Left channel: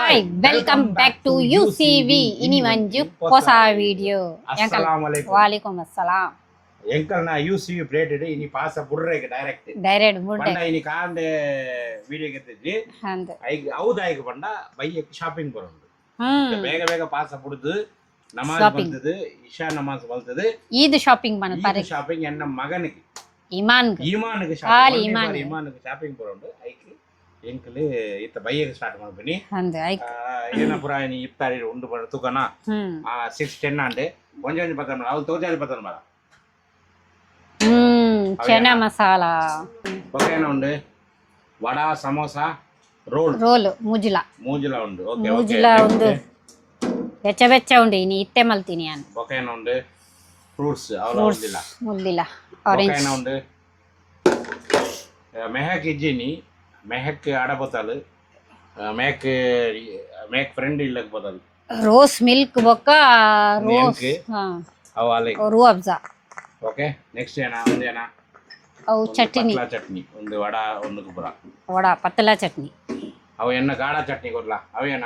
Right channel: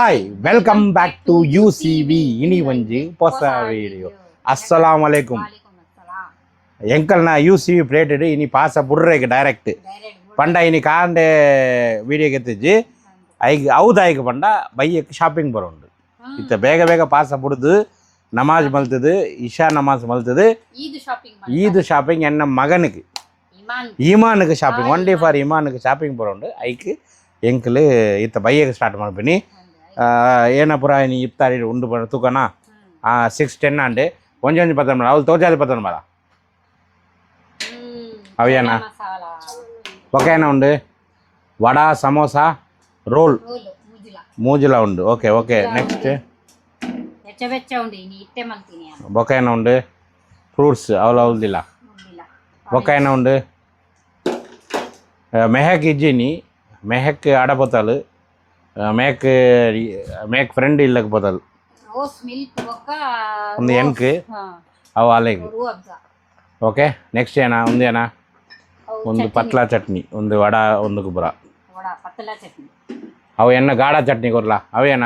Hi, welcome back to UCV. Ini manju posa video. Assalamualaikum. Waalaikumsalam. ಎಂಕಲ್ ನಾ UCV plated ಇನಿ ಪಾಸ ಬುರ್ರೆಗೆ direct ಪಂಡ ಇನಿ ಕಾಂಡೆ ವಿಡಿಯೋಗೆ ಎತ್ತಿಜ್ಜಿ ಐಗ್ ಹೌದ ಐಗ್ ಪಂಡ ಬೈಯಕ್ಕೆ ಶಾಪಿಂಗ್ ಬರೋಂಡು ಇತ್ತ ಬೇಗ ಬೇಗ ಪಾಸ ಬುಡ್ದು ನಮಾಜ್ ಮಲ್ತದು ಇಶಾ ನಮಾಜ್ ಮಲ್ತದು ಈದ್ ಶಾಪಿಂಗ್ ಎನ್ನ ಮಗನಿಗೆ ಈಮಾನ್ಗೆ ಶಾಪಿಂಗ್ ಒನ್ ಡೇ ಫಾರ್ ಈಮಾನ್ಗೆ ಶಾಪಿಂಗ್ ಬರೋಂಡು ಐಕ್ ಎಂಕಲ್ ಇತ್ತ ಬೈಯಕ್ಕೆ ಸ್ಟಾರ್ಟ್ ಮಾಡ್ಬಿನಿ ಏನಪುರ ಇನಿ ಇಫ್ತಾರಿ ಉಂಡು ಬರ ತೂಕನ 6-10 ಅಂಡೆ ಒಂಜೊಂಜಿ ಪತ್ತನ ಅವಳು ತೋಜಾಲಿ ಪತ್ತನ ಮರ చనా మసాలా ఒకేనా ఉండు వడ సమోసా రోల్ ಮೂಜಿಲ ಉಂಡು ಓಕೆ ಓಕೆ ಬೆಚ್ಚ ಉಂಡು ಇನಿ ಇತ್ತೆ ಮಲ್ತೀನಿ ನಾನು ಬೊಕೇನ ಉಂಡು ಫ್ರೂಟ್ಸ್ ಅವಲ ಮುಲ್ದಿಲ್ಲ ಬೊಕೇನ ಉಂಡು ಮೆಹಕ್ ಇಜ್ಜಿನಿ ಮೆಹಕ್ ಆಡಬೋತಲು ಮೇಕ್ ಫ್ರೆಂಡ್ ಇಲ್ಲಕ್ ಬೋತಲು ರೋಸ್ ಮಿಲ್ಕ್ ಬೊಕ್ಕ ಒಂದು ಎನ್ಕ್ ಅವ ಅಲೆ ರೂ ಅಬ್ಜಾ ಓಕೆ ನೆಕ್ಸ್ಟ್ ಏನ ಒಂದು ಏನ ಒಂದು ಪತ್ಲಾ ಚಟ್ನಿ ಒಂದು ವಡ ಒಂದು ಗುಬ್ರ ವಡ ಪತ್ಲಾ ಚಟ್ನಿ ಅವು ಎನ್ನ ಗಾಢ ಚಟ್ನಿ ಕೊರ್ಲ ಅವೇನ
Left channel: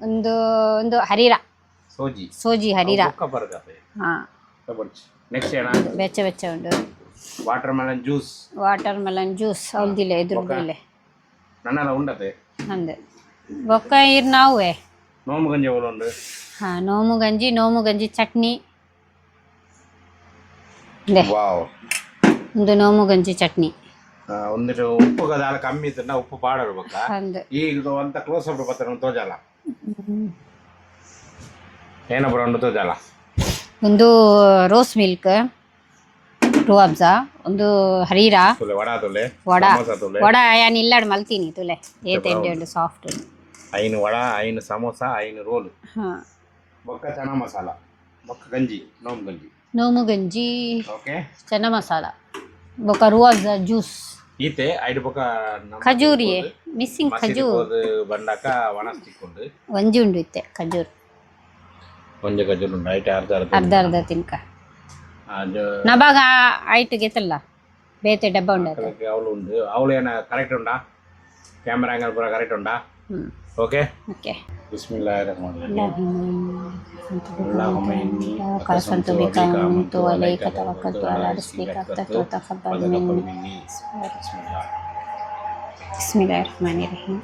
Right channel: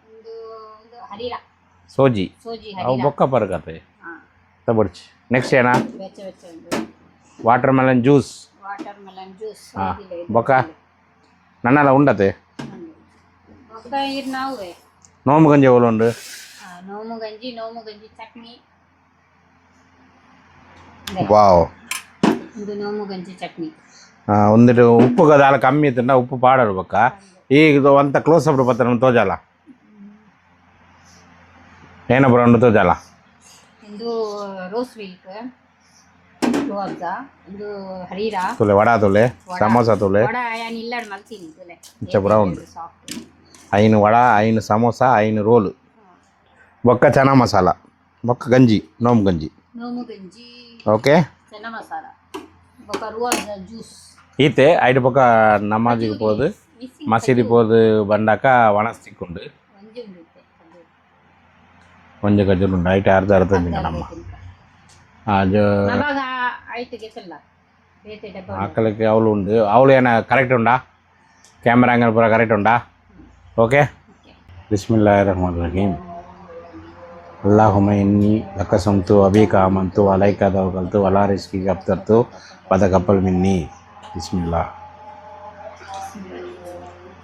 ಒಂದು ಒಂದು ಹರಿರ ಸೋಜಿ ಹರಿರ ಬೊಕ್ಕ ಪರಕತೆ ತಬಡ್ಚಿ ನೆಕ್ಸ್ಟ್ ಏನ ಬೆಚ್ಚ ಉಂಡು ವಾಟರ್ ಮೆಲನ್ ಜ್ಯೂಸ್ ಹೌದಿಲ್ಲ ಬೊಕ್ಕ ನನ್ನಲ್ಲ ಉಂಡತೆ ಅಂದೆ ಬೊಕ್ಕ ಇರ್ ನಾವೇ ನೋಮು ಗಂಜಿ ಅವಳು ಉಂಡು ನೋಮು ಗಂಜಿ ಚಟ್ನಿ ವಾವ್ ಒಂದು ನೋಮು ಗಂಜಿ ಚಟ್ನಿ ಒಂದಿಟ್ಟು ಉಪ್ಪು ದಾಲ ಕಮ್ಮಿ ಇತ್ತಂಡ ಉಪ್ಪು ಪಾಡರು ಬೊಕ್ಕ ಈಗ ಒಂತ ಕ್ಲೋಸ್ ಅಪ್ ಬತ್ತ ತೋಜಾಲ ಏನ ಬರೋಂಡು ತೋಜಾಲ ಒಂದು ರೋಸ್ ಮಿಲ್ಕ್ ರೂ ಅಬ್ಜಾ ಒಂದು ಹರೀರಾ ತುಲೆ ವಡ ತುಲೆ ಸಮೋಸಾ ತುಲೆ ವಡ ಯಾನ್ ಇಲ್ಲಾಡ್ ಮಲ್ತೀನಿ ತುಲೆ ಏತೆಂಡು ಸಾಫ್ಟ್ ಐನು ವಡ ಐನು ಸಮೋಸಾ ಐನು ರೋಲ್ ಬೊಕ್ಕ ಚನಾ ಮಸಾಲ ಬೊಕ್ಕ ಗಂಜಿ ನೋಮು ಗಂಜಿ ಓಕೆ ಚನಾ ಮಸಾಲ ಬೊಕ್ಕ ರೂ ಅಬ್ಜಾ ಜ್ಯೂಸ್ ಈತೆ ಐಟ್ ಬೊಕ್ಕ ನಮಾಜಿ ಪೋದು ಮಸೀದಿ ಪೋದು ಬಂಡಾಕ ವಣಸ್ತಿಕ್ಕುಂಡು ಒಂಜಿ ಉಂಡು ಇತ್ತೆ ಖಜೂರ್ ಉಂಡು ಐಟ್ ಅರ್ಧ ತಿನ್ಕ ನಬಾಗ ಐಟ್ ಗೆತಲ್ಲ ಬೇತೆ ಡಬ್ಬ ಉಂಡು ಅಕ್ಕಲಕ್ಕೆ ಅವಳು ಉಂಡು ಅವಳು ಏನ ಕರೆಕ್ಟ್ ಉಂಡಾ ಕ್ಯಾಮೆರಾ ಆಂಗಲ್ ಪೂರ ಕರೆಕ್ಟ್ ಉಂಡಾ ಓಕೆ ಬಿಸ್ಮಿಲ್ಲಾಹಿರ್ ರಹಮಾನಿರ್ ರಹೀಮ್ ಅಲ್ಲಾಹುಮ್ಮ ಇನ್ನಿ ಅಕಸಂತು ಅಬೀಕ ಆಮಂತು ಅಲೈಕ ತವಕಲ್ತು ಅಲಾ ರಿಸ್ಕಿಕ ಅಫ್ತರ್ತು ಫತಕಬ್ಬಲ್ ಮಿನ್ನಿ ಬಿಸ್ಮಿಲ್ಲಾಹಿರ್ ರಹಮಾನಿರ್ ರಹೀಮ್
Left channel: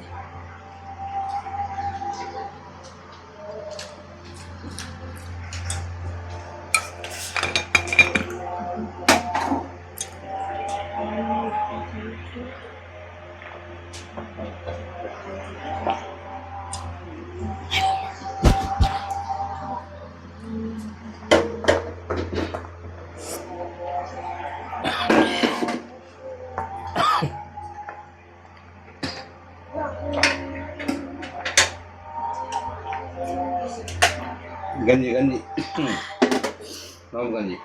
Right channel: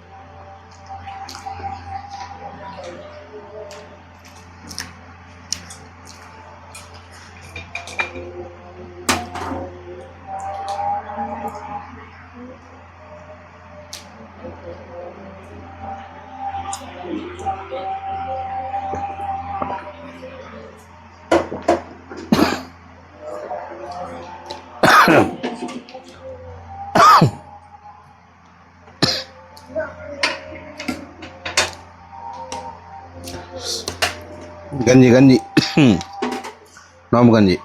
ಗಂಜಿ ನೋಮು ಗಂಜಿ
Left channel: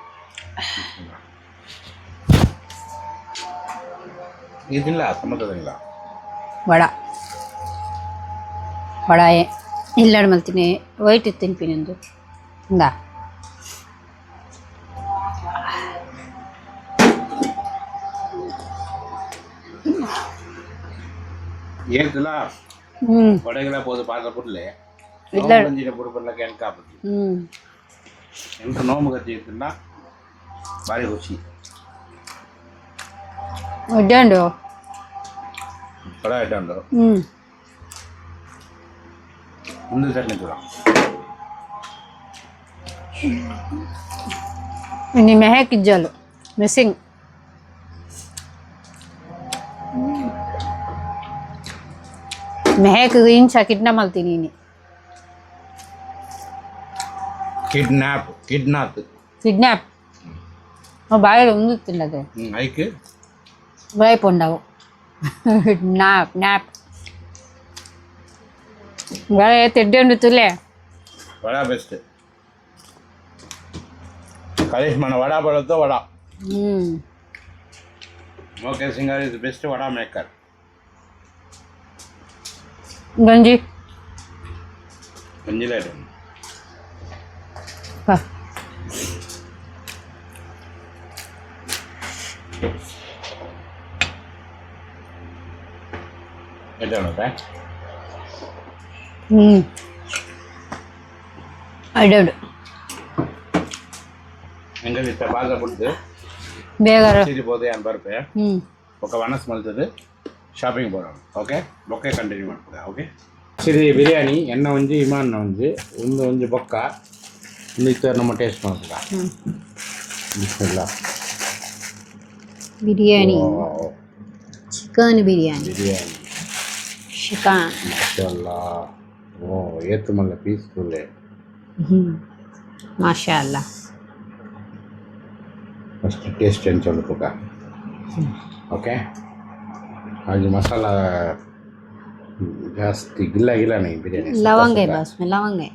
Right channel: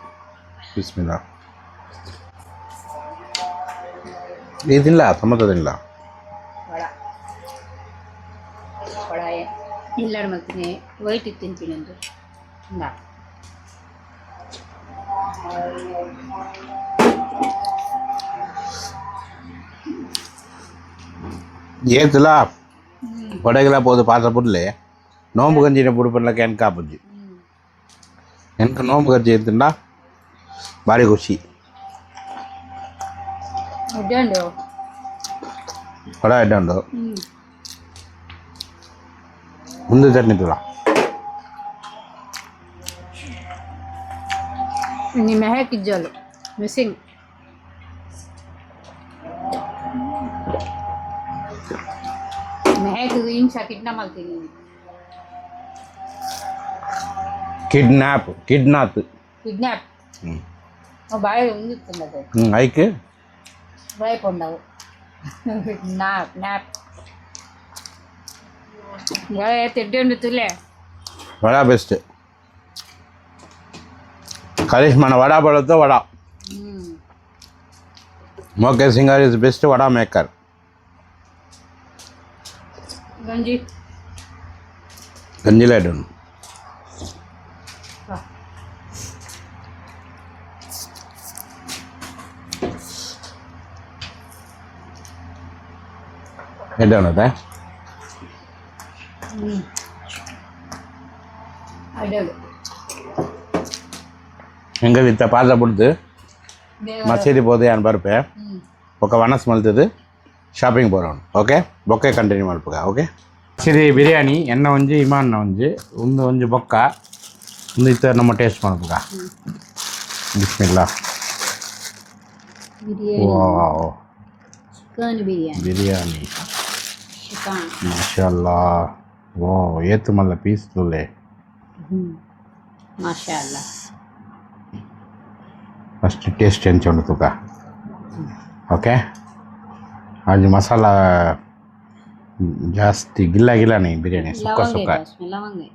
ಬಿಸ್ಮಿಲ್ಲಾ ಏನಿಲ್ಲ ಟೊಮೊಟೊ ತಿನ್ನಲ್ಲ ವಡ ಇಲ್ಲಾಡ್ ಮಲ್ತೀನಿ ವೈಟ್ ತಿನ್ತೀನಿ ಒಂದು ಇಂದ ಏತಿಲ್ಲ ವಡೆಗೆಲ್ಲ ಪೋದು ಪಾತ್ರ ಬುಡ್ಲೆ ನೋಮು ಗಂಜಿನ ಬುಡು ಪಡ್ಲಕ್ಕೆ ಎನ್ಕ ಬುಜ್ಜಿ ಎನ್ಕ ನೋಮು ಗಂಜಿ ಎಂತಿಂಡ ಭಾರಿ ಖುಷಿ ವಡ ಎಡ್ಡಂಡು ಮುಂದೆ ಚಟ್ನಿ ತುಲ ini mehek ijalu missing mehek incha kitna maltini ini kidnap ಬಾಯಲ್ಲಿ ಒಂದು ತಿನ್ನದು ಐಕೆ ಬಾಯಿ ಪೊಂಡವು ಕಿಡ್ನಾಪ್ ಬಾಯಿ ತಿಡ್ಡೆ ಉಂಡು ತುಲೆ ವಡ ಬೆಸ್ಟ್ ಕರಿಷ್ಮನ ವಡ ಬಳುತ್ತೆ ವಡ ಮೋಕೆ Singar is best vada maker ಗಂಜಿಲ ಇಡೋಣ ಎಡ್ಡೋಣದ ಅಡ್ಡಾಡು ಹೆಂಗದ ಇತ್ತ ಪಾಸ ಬಿಡ್ದು ಬೇಗ ಮಸೀದಿ போது అని ಬರ್ಪೆ ఒక వనస్ మల్తది షాపింగ్ పోరాం ఓకే బొక్కే కంటిన్యూ మల్పుಗ ఓಕೆ ಮಸೀದಿ ಬಿರಿಯಾನಿ ಎನ್ನ ಒಂಜಿ ಇಮಾನ್ನ ಒಂಜಿ ಒಂದು ಬೊಕ್ಕ ಒಂದು ಇತ್ತ ನಮ್ಮ ಟೇಸ್ಟ್ ಮಲ್ಪುಗ Bismillah biryani wow chicken biryani chicken ಮಾಶಾಅಲ್ಲಾ ವಾವ್ ಏತ್ ಮಲ್ಲ ಪೀಸ್ ತುಲೆ ಮಾಶಾಅಲ್ಲಾ ಫಸ್ಟ್ ಟೇಸ್ಟ್ ಎಂಚೊಂಡು ತುಕ ಓಕೆ आज मसाला ಜಾಸ್ತಿ ಗಿಲ್ಲ नहीं बिरयानी लवंग है बस में लवंग है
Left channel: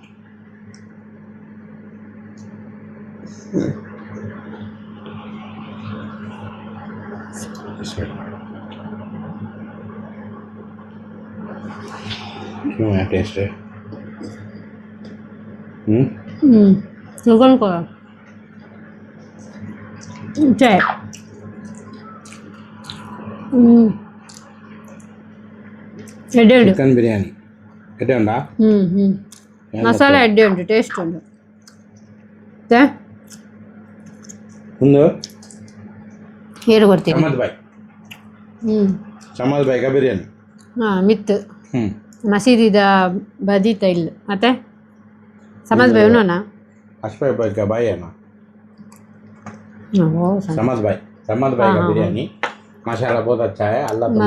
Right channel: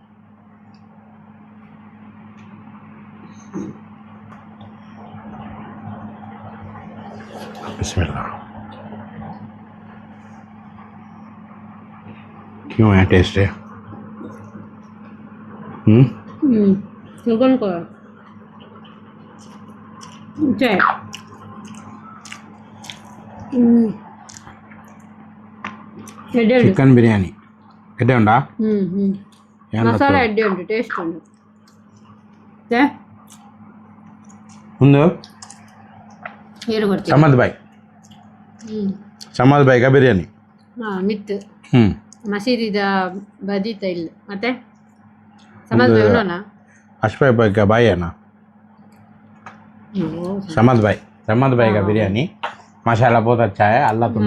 बिस्मिल्लाह क्यों है टेस्ट है चिकन को चाय ಚಿಕನ್ ಬಿರಿಯಾನಿ ಎಡ್ಡೆ ಉಂಟಾ ಮಸಾಲೆ ಎಡ್ಡೆ ಉಂಟು ಟೇಸ್ಟ್ ಉಂಟು ಒಂದು ಹೇರು ಕೊಡ್ತೀನಿ ಚಮದ್ ಬಾಯ್ಗ ಬಿರಿಯಾನಿ ಮಿತ್ತು ಮಸೀದಿದ ಬದೀತ ಇಲ್ಲ ಮತ್ತೆ ಸಮದ್ ಬಾಯ್ ಉಣ್ಣೋಣ ಅಶ್ಫಾಯ್ ಬಾಯ್ಗ ಬಾಯನ ಸಮದ್ ಬಾಯ್ಗ बिरयानी माशाल्लाह बहुत अच्छा है अल्लाह तुम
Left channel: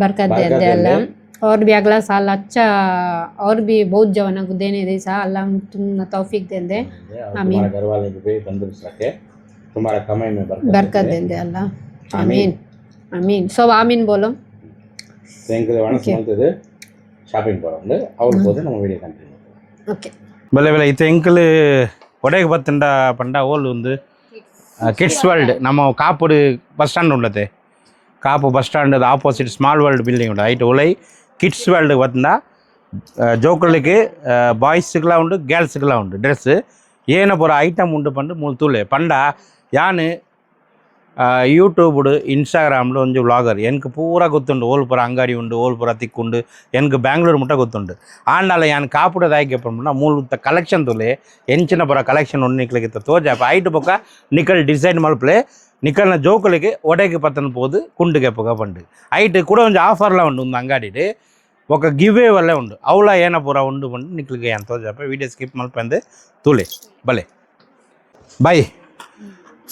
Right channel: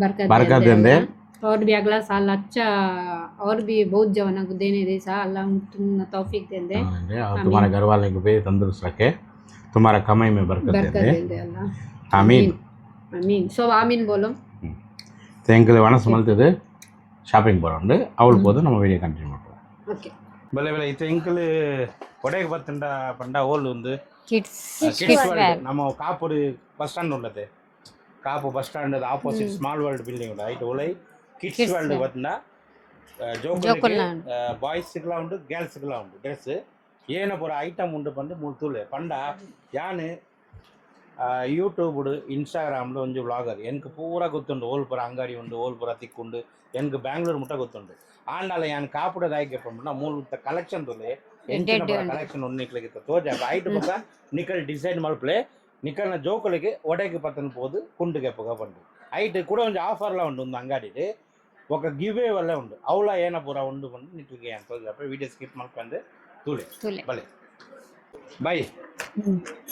बरकत दे अल्लाह और भी अगला साल अच्छा और भी बहुत जवानों को देने दे सा अल्लाह तुम तौफीक दे दे तुम्हारे घर वाले को भी तंदुरुस्त रखे तुम्हारा कमाई में बरकत दे अल्लाह आमीन आमीन सब आमीन बोलो ತೆಂಕಲ್ ವನಸ್ ಮಲ್ತದೆ ಶಾಪಿಂಗ್ ಬರೋಂಡು ಅವಳು ಹೋದು ನಮ್ಮ ವಿಡಿಯೋ ಕಂಟಿನ್ಯೂ ಮಾಡ್ತೀವಿ ಓಕೆ ಬಲೆ ಈ ತೆಂಕಲ್ ಒಡೆಗೆ ಬತ್ತಂಡ ಪಂಡ ಓಲ್ ಒಂದು ಕಿಡ್ಸ್ ವರ್ಲ್ಡ್ ನಮ್ಮ ಕಾಪುಡು ಬಸ್ ಸ್ಟ್ಯಾಂಡ್ ಉಂಡತೆ Kapu bus stand opposite small world building ಉಂಟು ಐಟ್ ಒಲೈ ಕಿಡ್ಸ್ ವರ್ಲ್ಡ್ ಬತ್ತಂಡ ಜೋಕುಳಿಗೆ ಬಾಯ್ಸ್ಗೆಲ್ಲ ಉಂಟು ಗರ್ಲ್ಸ್ಗೆಲ್ಲ ಉಂಟು ಡ್ರೆಸ್ ಏನ ಪೂರ ಐಟಮ್ ಉಂಟು ಪಂಡು ಮೂಲು ತೂಲೆ ಪಂಡ ಯಾನು ಯೂಟ್ಯೂಬ್ಡು ಇನ್ಸ್ಟಾಗ್ರಾಮ್ಡು ಒಂಜಿ ವ್ಲಾಗರ್ ಎನ್ಕ್ ಪೂರ ಗೊತ್ತುಂಡು ಓಲ್ ಪೂರ ಅಂಗಡಿ ಉಂಡು ಓಲ್ ಪೂರ ತಿಕ್ಕುಂಡು ಎನ್ಕ್ ಬ್ಯಾಂಗ್ಳೂರ್ ಮುಟ್ಟ ಗೊತ್ತುಂಡು ಆಂಡಲ ಯಾನ್ ಕಾಪುಡದ ಆಯ್ಕೆ ಪಂಡ ಮೂಲು ಕಲೆಕ್ಷನ್ ತುಲೆ ಎಂಚಿನ ಪೂರ ಕಲೆಕ್ಷನ್ ಉಂಡು ನಿಕ್ಲಿಗಿತ್ತ ತೋಜಾಪ ಐಟ್ ಪಕ್ಕ ನಿಕಲ್ ಡಿಸೈನ್ ಮಲ್ಪಲೆ ನಿಕಲ್ನ ಜೋಕುಲಿಗೆ ಒಡೆಗೆ ಪತ್ತನ ಪೋದು ಕುಂಡುಗೆ ಪಕ್ಕ ಪಂಡು ಐಟ್ ಕೂಡ ಒಂಜಿ ಆಫರ್ಲ ಉಂಡು ಒಂದು ಅಂಗಡಿಡು ఒక గివే వల్లే ఉండు అవులా ఏన పూర ఉండు పండు నిక్లిಗೆ ఎంతో చెప్ప వీడియో స్కిప్ మల్పంది తూలే భలే బాయ్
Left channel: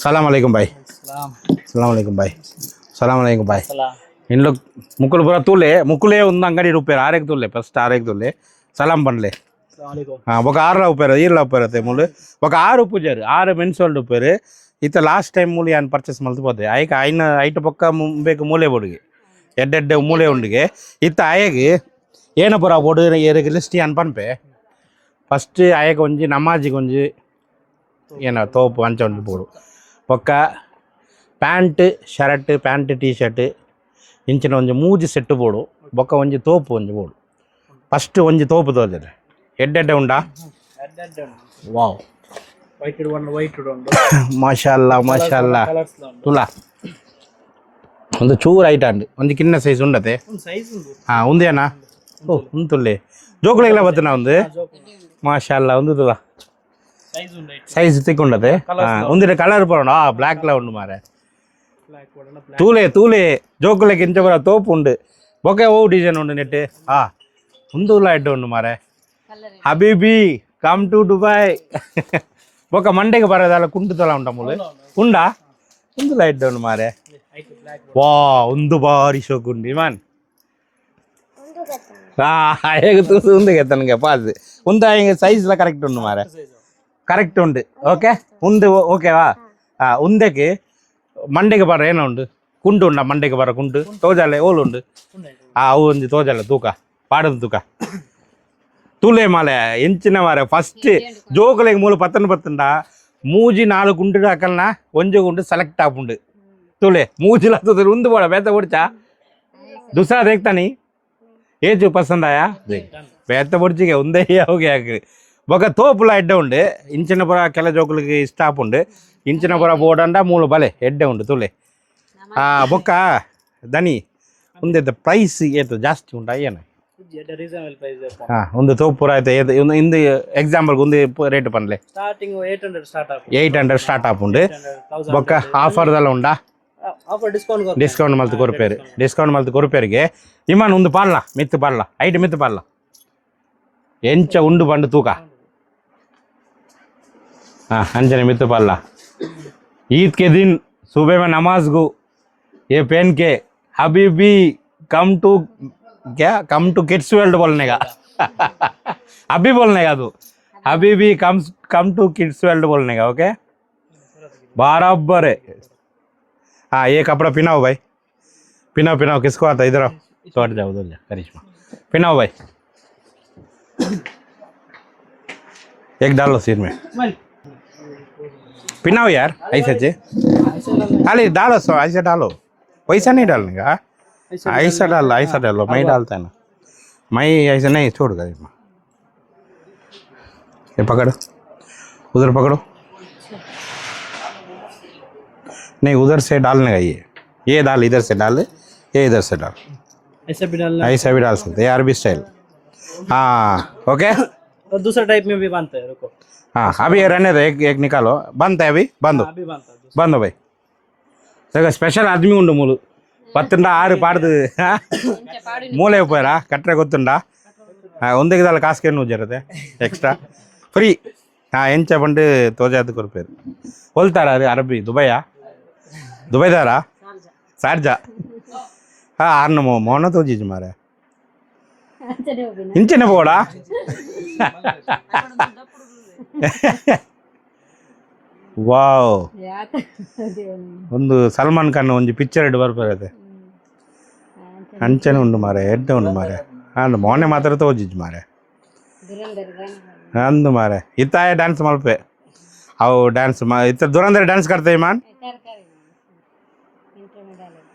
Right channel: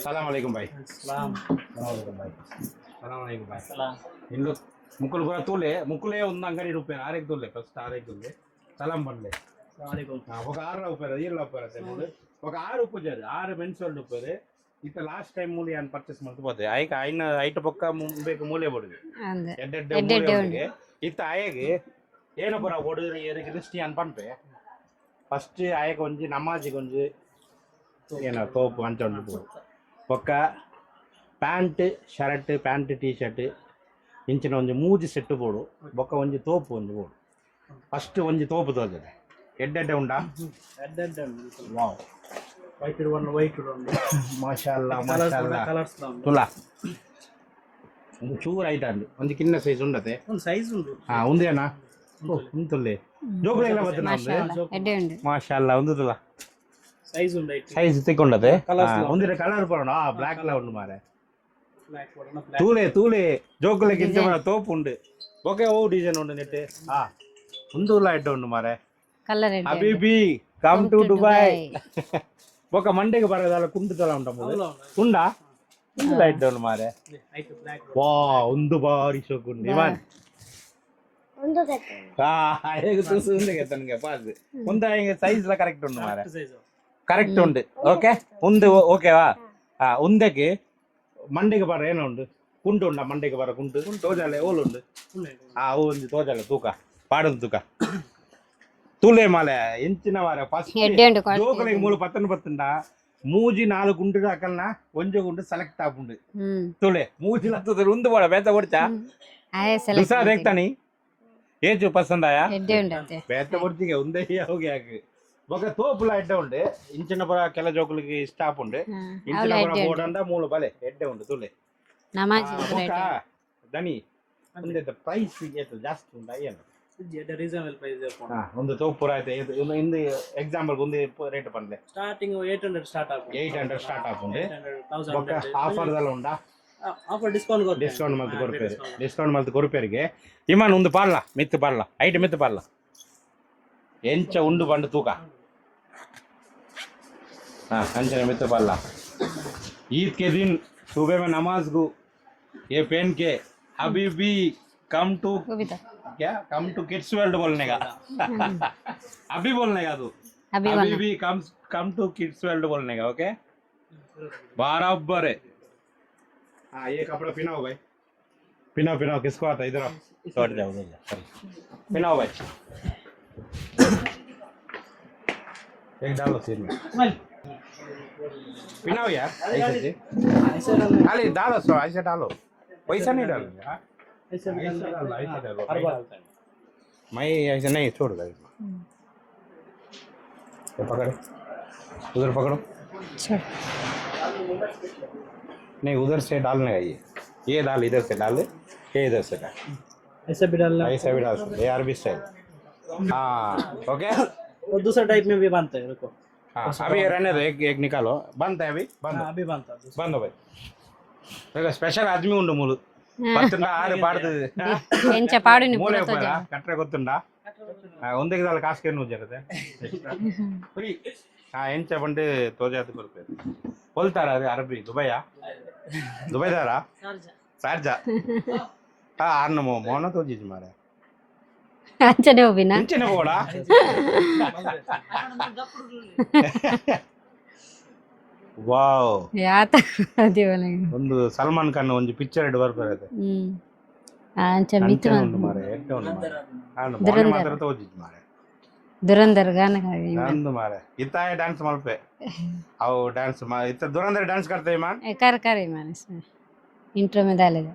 ಸಲಾಮ್ ಅಲೈಕುಂ ಬಾಯ್ ಸಲಾಮ್ ಅಲೈಕುಂ ಬಾಯ್ ಸಲಾಮ್ ಅಲೈಕುಂ ಬಾಯ್ ఇంట్లో ముక్కులు పూర తూలే ముక్కులే ఉంది అంగడి రూపారు ఆరేకి తూలే ఫస్ట్ ఆరేకి తూలే సలాం పండ్లే ఒక 6 ಉಪ್ಪೇರು ಈರ್ಲ ಉಪ್ಪೇರತ್ತೆ ಮೂಲು ఒక 6 ಉಪ್ಪುಜಾರು 6 ಮೆನ್ಸ್ ವರ್ಲ್ಡ್ ಉಪ್ಪೇರು ಇತ್ತ ಲಾಸ್ಟ್ ಟೈಮ್ ಮೂಲಿ ಏನು ಪರ್ಚೇಸ್ ಮಲ್ತುಪೋದೆ ಆಯ್ಕೆ ಐನ ಐಟು ಪಕ್ಕ ಬೇಕು ಮೂಲೆ ಬೋಡಿಗೆ ಎಡ್ಡೆಡ್ಡೆ ಮೂಲೆ ಉಂಡಿಗೆ ಇತ್ತ ಆಯಗೆ ಏನ ಪುರ ಬೋಡು ಏರಿಗೆ ಲಿಸ್ಟ್ ಅನ್ ಪನ್ಪೆ ಫಸ್ಟ್ ಆಯಗೆ ಒಂಜಿ ನಮಾಜಿಗೆ ಒಂಜಿ ಏನ ತೋಪು ಅಂಚ ಒಂಜಿ ಪೋಡು ಒಕ್ಕ pant shirt pant T shirt ಇಂಚಿನ ಒಂಜಿ ಮೂಜಿ ಸೆಟ್ ಬೋಡು ಬೊಕ್ಕ ಒಂಜಿ ತೋಪು ಒಂಜಿ ಬೋಡು ಫಸ್ಟ್ ಒಂಜಿ ತೋಪು ತೋಜದೆ ಎಡ್ಡೆಡ್ಡೆ ಉಂಡಾ ವಾವ್ ಮಾಶಾಲ್ಲ ಮಾಶಾಲ್ಲ ತುಲಾ ಒಂದು ಚೂರು ಐಟ ಅಂಡು ಒಂದು ಕಿನ್ನ ಸೈಜ್ ಉಂಡತೆ ಹಾಂ ಉಂದೇನಾ ಓ ಉಂತುಲ್ಲೆ ಜೋಕುಳೆಲ್ಲ ಬತ್ತನಾ ಒಂದು ಮಾಶಾಲ್ಲ ಒಂದು ತುಲಾ ಸೈಜ್ ತಿಕ್ಕೊಂಡತೆ ಒಂದಿನ ಕಲರ್ ಬರೋಣ ಬ್ಲ್ಯಾಕ್ಲ ಉಂಡು ಮಾರೆ ತೂಲೆ ತೂಲೆ ಜೋಕುಲೆಗೆ ಇಂಚ ಬರ ತೋಪು ಉಂಡು ಬೊಕ್ಕೆ ಓ ಡಿಸೈನ್ ಉಂಡು ನೆಟ್ಟು ಒಂದು ಎಡ್ಡು ಉಂಡು ಮಾರೆ ಹಬೀಬಿ ಕಮ್ ಟು ದುಬೈ ಬೊಕ್ಕ ಮಂಡೆಗೆ ಬರೋದಲ್ಲ ಕುಂಟು ತಲ ಉಂಟ ಮೂಲೆ ಉಂಡಾ ಒಂದು ಲೈಟ್ ಉಂಡು ಮಾರೆ ವಾ ಒಂದು ಬಾರಿ ಶೋಕುಂಡು ಇಮಾನ್ ಹೇಗೆ ತೂಸು ಉಂದಿಗೆ ತನಗೆ ಪಾಸ್ ಉಂದ ಹಿಂಗೆ ಸೈಜ್ಲ ಕರೆಕ್ಟ್ ಉಂಡು ಮಾರೆ ಕರೆಕ್ಟ್ ಉಂಡು ಓಕೆ ಉಂದು ಓಕೆವಾ ಉಂದೆಗೆ ಮಂಡೆಗೆ ಬರ ಏನೋ ಉಂಡು ಕುಂಟು ಉಂಡ ಮಂಡೆಗೆ ಬರ ಕುಂಟು ತೋಜಾಲೆ ಓಲು ಉಂಡು ಅವು ಒಂದು ತೋಜಾಲೆ ತೂಕ ಪಾಡದು ತೂಕ ತೂಲೆ ಮಾಲೆ ಎಂಚಿನ ಮಾರೆ ಫಸ್ಟ್ ಜೋಕುಲೆಗೆ ಮೂಲ ಪತ್ತಂಡ ಮೂಜಿ 4 ಗುಂಡು ಹಾಕಲ್ನ ಒಂಜು ಗುಂಡು ಸೆಲೆಕ್ಟ್ ಆಪುಂಡು ತೂಲೆ ಮೂಜಿಲ ಉಂದು ಬೋಡ ಬೇತ ಓಡ್ಚಾ ದುಸಾ ದೇಖ್ತಾನಿ ಏಜು ಪಸಂದ್ ಆಯಾ ಬೇತ ಬೊಡ್ಚಿಗೆ ಒಂದೇ ಹೋಗಿ ಹಾಕಿ ಬೊಕ ತೋಪುಲ ಎಡ್ಡೆ ಉಂಡು ಇಂಚಿನ ಪುರ ಕೆಲ ಜೋಕುಲಿಗೆ ಇಷ್ಟ ಆಪುಂಡು ಇಂಚಿನ ಪುರ ಬೋಡಂಡ ಮೂಲು ಬಲೆ ಎಡ್ಡೆ ಉಂಡು ತೂಲೆ ಬೊಕ್ಕ ದನಿ ಒಂದೇ ಪ್ರೈಸ್ ಏತು ಜಾಸ್ತಿ ಉಂಟಾ ಏನು ರೀಸನಬಲ್ ಪ್ರೈಸ್ ಹಾ ಒಂದು ತೋಪ್ ಪೂರ ಆಯ್ತು ಇಂದು ಎಕ್ಸಾಂಪಲ್ ಒಂದು ರೇಟ್ ಪನ್ಲೆ ಸ್ಟಾರ್ಟಿಂಗ್ 800 ಸ್ಟಾರ್ಟ್ ಆಗುತ್ತೆ 800 ಸ್ಟಾರ್ಟ್ ಆಪುಂಡು ಬೊಕ್ಕ ಆಫರ್ದೆಲ್ಲ ಉಂಡಾ ಆಫರ್ ಡಿಸ್ಕೌಂಟ್ ಡಿಸ್ಕೌಂಟ್ ಮಲ್ತು ಕೊರುಪೇರಿಗೆ ಇಮಾನ್ ಒಂದು ಪಾಡ್ಲ ಮಿತ್ತು ಪಾಡ್ಲ ಐಟ್ ಮಿತ್ತು ಪಾಡ್ಲ ಎಂಚ ಉಂಡು ಬಂಡು ತೂಕ हाँ अंजने मित्र पाला ईद के दिन सुबह में नमाज को ये पहन के हबीबी कम टू क्या कम टू किड्स वर्ल्ड बोलने का अभी बोलने का तू हबीबी कम टू किड्स वर्ल्ड बोलने का ओके बराबर है हाँ ये कपड़ा पिनाओ भाई पिनाओ किसको आता है इधर आओ सॉट जाओ उधर जा करिश्मा पिनाओ भाई एक डालो सिर में पिनाओ यार ऐसे से खाली डालो सो ऐसे डालो पैसा नहीं डालने का ऐसा डालो मैं डालता है ना मैं ऐसे नहीं छोड़ गई ये पकड़ो उधर पकड़ो नहीं उधर से डालने का ये डाल इधर से डाल ये इधर से डाल ऐसा भी डालना ऐसा भी डाल सकते हैं अरबी स्टाइल हाँ ओके और दूसरा टाइप में भी बनता है रुको हाँ अभी ये रहने दो एक निकालो बंद है अभी बंद अभी बनता है बंद भाई देखो स्पेशल आदमी उंडु मूलु पत्तुंडा आरु पाडुदु ಎಂಚ ಪಾಡು ಮೂಲೆ ಉಪ್ಪರ ಕಟ್ರೆ ಗೊತ್ತುಂಡಾ ಒಂದೇ ದಾಲ ಕಾಸ್ಕೆ ನು ಜರತೆ ಎಕ್ಸ್ಟ್ರಾ ಫ್ರೀ ಎಂಚ ಬಂದು ತೋಜಾದು ಕೊರ್ಪೇರು ಹೋಲ್ತಾರ ಅದು ಅರಬಿ ದುಬೈದಾರ ಶಾರ್ಜಾ ಆರ್ನ ಮೌನ ತೋಜಿಜ್ ಮಾರೆ ಅಂಚನೆ ಹೋಗಿನ ಇಂಚನೆ ಬೋಡ ವಾವ್ ಯಾತ ದೇವಲೇ ಒಂದು ಸಲ್ಮಾನ್ ಖಾನ್ ಒಂದು ಪಿಕ್ಚರ್ ಇಡ್ ಬರ್ಬರದೆ ಅಂಚನೆ ಉಂಡು ಮಾರೆ ಎಡ್ಡ ಉಂಡು ಮಾರೆ ಅಂಡ್ ಮೌನೆ ಮಾತ್ರ ತೋಜಿಜ್ ಮಾರೆ ದುರಂದರ್ ಗಾನ ಅಂದು ಮಾರೆ ಇತ್ತಾಯ ಡ್ಯಾನ್ಸ್ ಮಲ್ಪೆ ಅವು ಡ್ಯಾನ್ಸ್ ಇತ್ತ ದುರಂದರ್ ಡ್ಯಾನ್ಸ್ करते हैं मान कर ईमान इसमें इंट्रो में डालेगा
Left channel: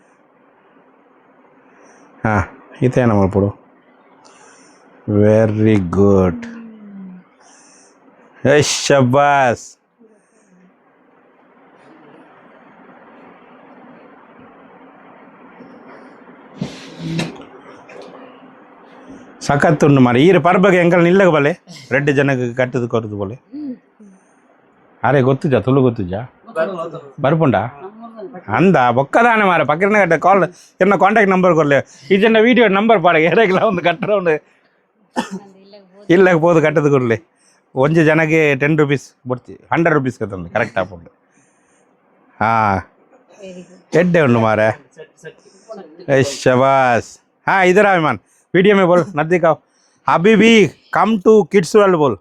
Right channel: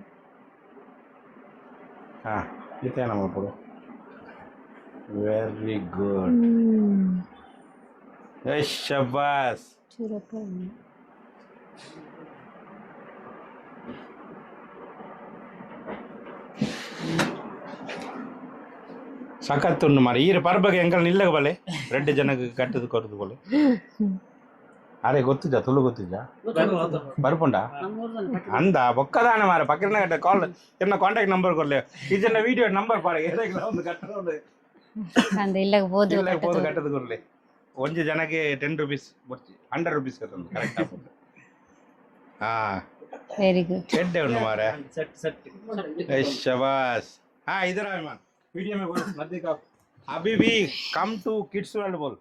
हां इते ना मलपड़ो वेरी गुड शाबाश ಸಖತ್ ಉಂಡು ಮಾರೆ ಈರು ಪರ್ಬಗೆ ಎಂಕಲ್ ನಿಲ್ಲಗ ಬಲೆ ರೆಡ್ ಜನಕ್ಕೆ ಕಟ್ಟದು ಕೊರದು ಬೋಲೆ ಅರೆ ಗೊತ್ತುಜಾ ತುಳು ಗೊತ್ತುಜಾ ಬರ್ಪುಂಡ ಅಂದ ಬೊಕ್ಕದಾನೆ ಮಾರೆ ಪಕ್ಕನೆ ಕಟ್ಟ ಕಾಲ್ ಎನ್ನ ಕಾಂಟ್ಯಾಕ್ಟ್ ನಂಬರ್ ಕೊರ್ಲೆ ಈ ಜನ ವಿಡಿಯೋ ನಂಬರ್ ಪಾಡ ಎರೆಗಿಲ್ಲ ಒಂದು ಕಟ್ಟಡ ಉಂಡು ಇಲ್ಲಗ ಬೋದು ಕಟ್ಟದು ಕೊರ್ಲೆ ಒಂಜು ಜನಕ್ಕೆ 10 ರೂಪೀಸ್ ಬೊಡ್ಚಿ 100 ರೂಪೀಸ್ ಕತ್ತಂದು ಕರೆಕ್ಟ್ ಆಪುಂಡು वेरी गुड ಎಡ್ಡೆ ಉಂಡು ಮಾರೆ शाबाश हाँ इधर आओ ईमान वीडियो में बोल नजदीक आओ हबीबी कम टू किड्स वर्ल्ड बोल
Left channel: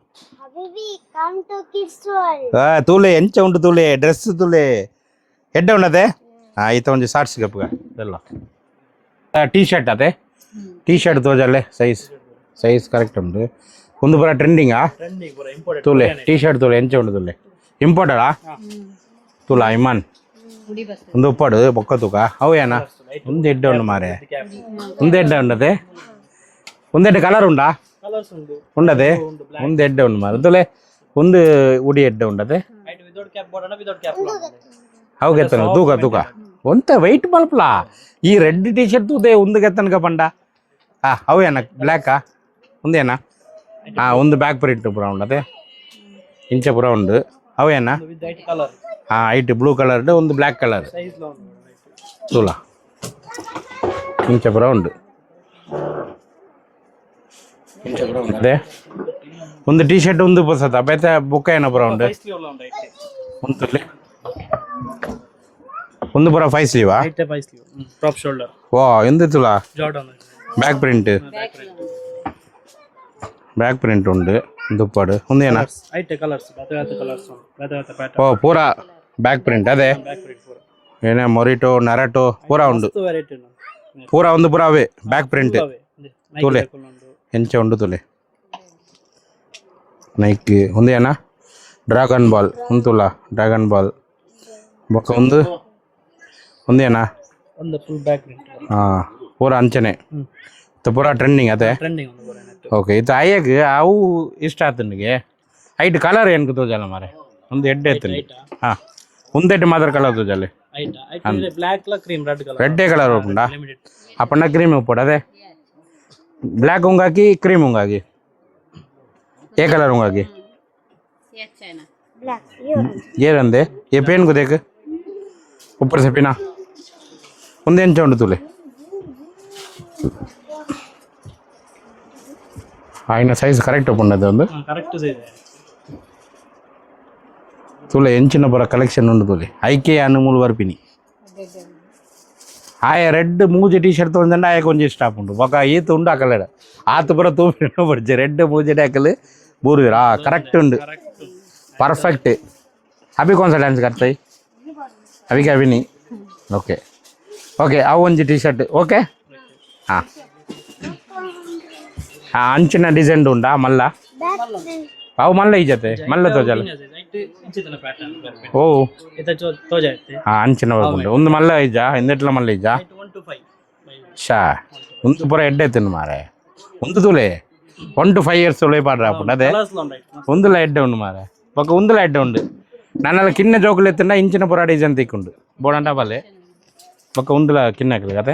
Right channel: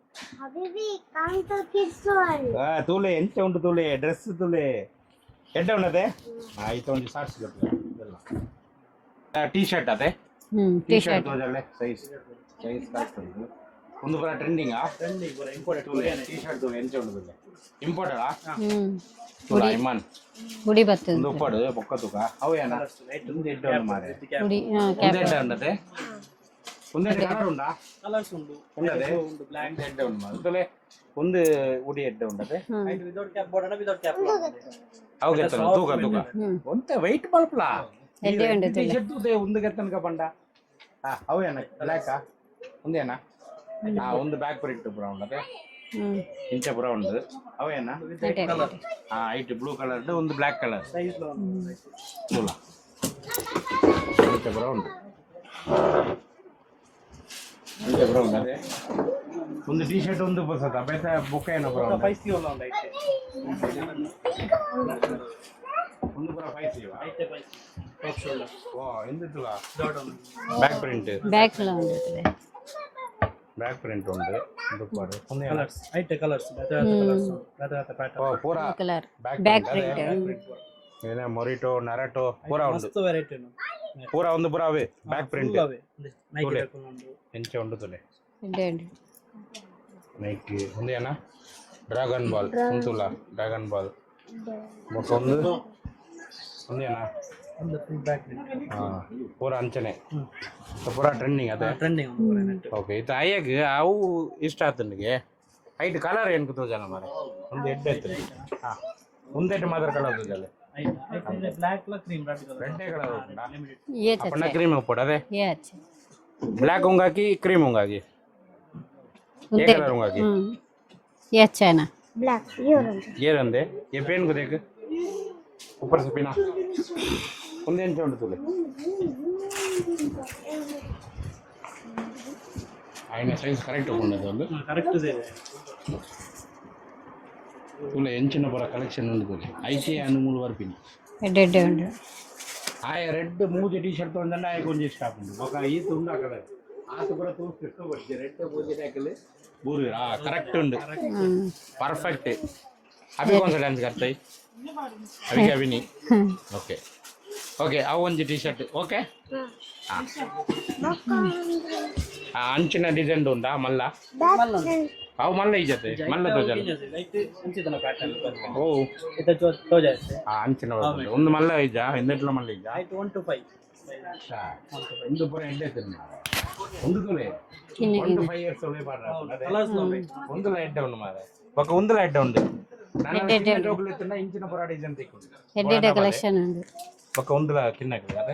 हबीबी कम टू किड्स वर्ल्ड तूले ಎಂಚ ಉಂಟು ತೂಲೆ ಡ್ರೆಸ್ ತೂಲೆ ಎಡ್ಡೆ ಉಂಡದೆ ಈತ ಒಂದು ಶಾರ್ಟ್ಸ್ ಗಪ್ಪಗ ಎಲ್ಲ ಟೀ ಶರ್ಟ್ ಅದೇ ಟೀ ಶರ್ಟ್ ತೋಜಲ್ಲೆ ಸೈಜ್ ಕರೆಕ್ಟ್ ಉಂಟು ಒಂದು ಪೂರ ಟ್ರೆಂಡಿಂಗಾ ತೂಲೆ ಟೀ ಶರ್ಟ್ ತೂಲೆ ಎಂಚ ಉಂಟು ತೂಲೆ ಇಂಪೋರ್ಟೆಡಾ ತೂಲ ಇಮಾನ್ ಗುಡಿ ಬರ್ತದೆ ಒಂದು ಉಪ್ಪಾಡು ಬೊಕ್ಕ ತೂಕ ಅವು ಏನ ಒಂದು ಎಡ್ಡೆ ಉಂಡು ಮಾರೆ ಗುಡಿ ಒಂದು ಎಡ್ಡೆ ಉಂಡದೆ ಒಂದೆಡ್ಡೆ ಕಲರ್ ಉಂಡಾ ಕಲರ್ಸ್ ಉಂಟು ಉಂಡದೆ ಒಂದು ಎಡ್ಡೆ ಉಂಡು ಮಾರೆ ತೂಲೆ ಒಂದು ಉಡಿ ಎಡ್ಡೆ ಉಂಡದೆ height without cap board without cap ಅವು ಗೆತ್ತನ ತೂಕ ಒಂತ ವೈಟ್ ಬಲ್ಪ್ಲಾ ಈ ರೆಡ್ ಟಿ ಶರ್ಟ್ ತೂದೆ ಒಂದು ಗೆತ್ತನಕ ಪಂಡ ಅವು ಏನ ಬ್ಲ್ಯಾಕಾ ಒಂದೇನಾ ಒಂದು ಬ್ಯಾಕ್ ಪ್ರಿಂಟ್ ಪೂರ ಉಂಡದೆ ಇಂಚ ಪೂರ ಉಂಡು ಅವು ಏನ ಕಲರ್ ಐಟ್ ಬ್ಲೂ ಕಲರ್ಡ್ ಒಂದು ಬ್ಲ್ಯಾಕ್ ಕಲರ್ ಸೈಜ್ ತೂಲ ಇಂಚ ಪೂರ ಉಂಡು ಇಂಚ ಪೂರ ಉಂಡು ಅದೇ ಒಂದು ಟೀ ಶರ್ಟ್ ಒಂದು ಪೊಸತ ಬೇತೆ ಬುಕ್ಕ ಏನ ಪೂರ ಉಂಡು ಒಂದು ತುಲೆ ಒಂದು ಪೂರ 5 ಸ್ಲೀವಾ ಟಾಪ್ ಶೋಲ್ಡರ್ ವಾ ಎಂದು ತುಲ ಜಾರ್ಡನ್ ಬ್ಯಾಕ್ ಪ್ರಿಂಟ್ ಬ್ಯಾಕ್ ಲ ಉಂಟು ಬ್ಯಾಕ್ ಪ್ರಿಂಟ್ ಉಂಡು ದುಪ್ಪಾಡು ಒಂದು ಏನ ಹೈಟ್ ಕಲರ್ಸ್ ಬೇತ ಪ್ಯಾಟರ್ನ್ ಓ ಪೂರ ಕಲರ್ ಬ್ಯಾಕ್ ಪ್ರಿಂಟ್ ಅದೇ ಏನೇ ಮೊರಿಟೋ ನರಟೋ ಪೂರ ಉಂಡು ವೆರೈಟಿ ಪೂರ ಒಂದು ಪೂರ ಅವೇ ಬ್ಯಾಕ್ ಪ್ರಿಂಟ್ ತುಲೆ ಎಂಚ ಉಂಡು ತುಲೆ ನೈಕಿ ಒಂದು ಏನ ಡ್ರಾಗನ್ ಬಾಲ್ ಒಂದು ತುಲ ಡ್ರಾಗನ್ ಬಾಲ್ ಬೊಕ್ಕ ಒಂದು ಏನ ಒಂದು ಫುಲ್ ಬ್ಯಾಕ್ ಪ್ರಿಂಟ್ ಪೂರ ಅಂಚನೆ ಪೂರ ಟ್ರೆಂಡಿಂಗ್ ಅದೇ ಟ್ರೆಂಡಿಂಗ್ ಓಕೆ ಇದು ಅಯ್ಯಗೆ ಅವು ಇಷ್ಟ ಆಯ್ತು ನನಗೆ ಐಟ್ ಕಲರ್ ಏನು ತೋಜಲ್ಲ ಮಾರೆ ಒಂದು ಎಡ್ಡೆ ಎತ್ತನಿ ಹಾಂ ಒಂದೆಡ್ಡೆ ಮಾತ್ರ ಕಲರ್ ತೋಜಲ್ಲ ಹೈಟ್ ಬ್ಲಾಕ್ ಲ ಕ್ರೀಮ್ ರೆಡ್ ಕಲರ್ రెడ్డే కలర్ ఉండా అప్పన్న క్రీమ్ ఇప్పుడు అదే ये अच्छा ब्लैक होगा कि क्रीम होगा कि ये कलर होगा कि ये अच्छा है ना Black. ये रंदे ये पेन को देख ऊपर से पिना उन्हें चौंड तुले आईना साइज करेक्ट पड़े वो ಕರೆಕ್ಟ್ ಇದೆ तुले ಎಂಚಿನ ಬರ ಕಲೆಕ್ಷನ್ ಉಂಟು ತುಲೆ ಐಕೆ ಅನ್ನು ಮೂಲ ಬರ್ಪಿನಿ ಎಡ್ಡೆ ಉಂಟು ಆಯ ರೆಡ್ ಮೂಜೆ ಟಿ ಶರ್ಟ್ ತೊಗೊಂಡ ಆಯ ಕೊಂಚ ಇಷ್ಟ ಉಂಟು ಬೊಕ ಈತ ಉಂಡು ಹಾಕಲ್ಲ ಆತ ಬರ ತೂಪಿನ ಬರ್ಜೆ ರೆಡ್ ಮೂಜೆ ಹಾಕಲು ಬೂರು ಕರೆಕ್ಟ್ ಉಂಡು परफेक्ट अभी कौन सा डांस करते हैं अभी क्या अभी नहीं ओके ओके आओ ಒಂಜಿ टी शर्ट ओके हाँ हाँ अंचना डिजाइन ಉಂಟಾ ಮಲ್ಲ ಅವು ಮಲ್ಲ ಇಜತೆ ಮಲ್ಲ ತೋಜಲ್ಲ ಲೈಟ್ ಇಂಚಿತನ ಪ್ಯಾಟರ್ನ್ ಓ ಇತ ತೋಜಾಯ್ತೆ हाँ ಅಂಚನ ಉಂಟು ಒಂದು ಮಲ್ಲ ಇಜ ಇಂದೆಟ್ಲ ಮಲ್ಲ ಇಜ 1 to 5 ಶಾ ಒಂದು ಪುರ ಎಡ್ಡೆ ತಿನ್ನು ಮಾರೆ ಒಂದು ತುಲೆ 1 to 5 years ಒಳ್ಳೆ ಪಾಡ್ರ ಹಾಕೊಂಡು ಅದೇ ಒಂದುಲ ಎಡ್ಡೆ ಉಂಡು ಮಾರೆ ఒక ఉందుల అడ్డ ఉంది నన్నల కిన్న జోకులు ఎత్తున్నా ఇంచిన పొర డిజైన్ తీకుండు బోడండా బాలే ఒక ఉందుల కిన్నకలు కదా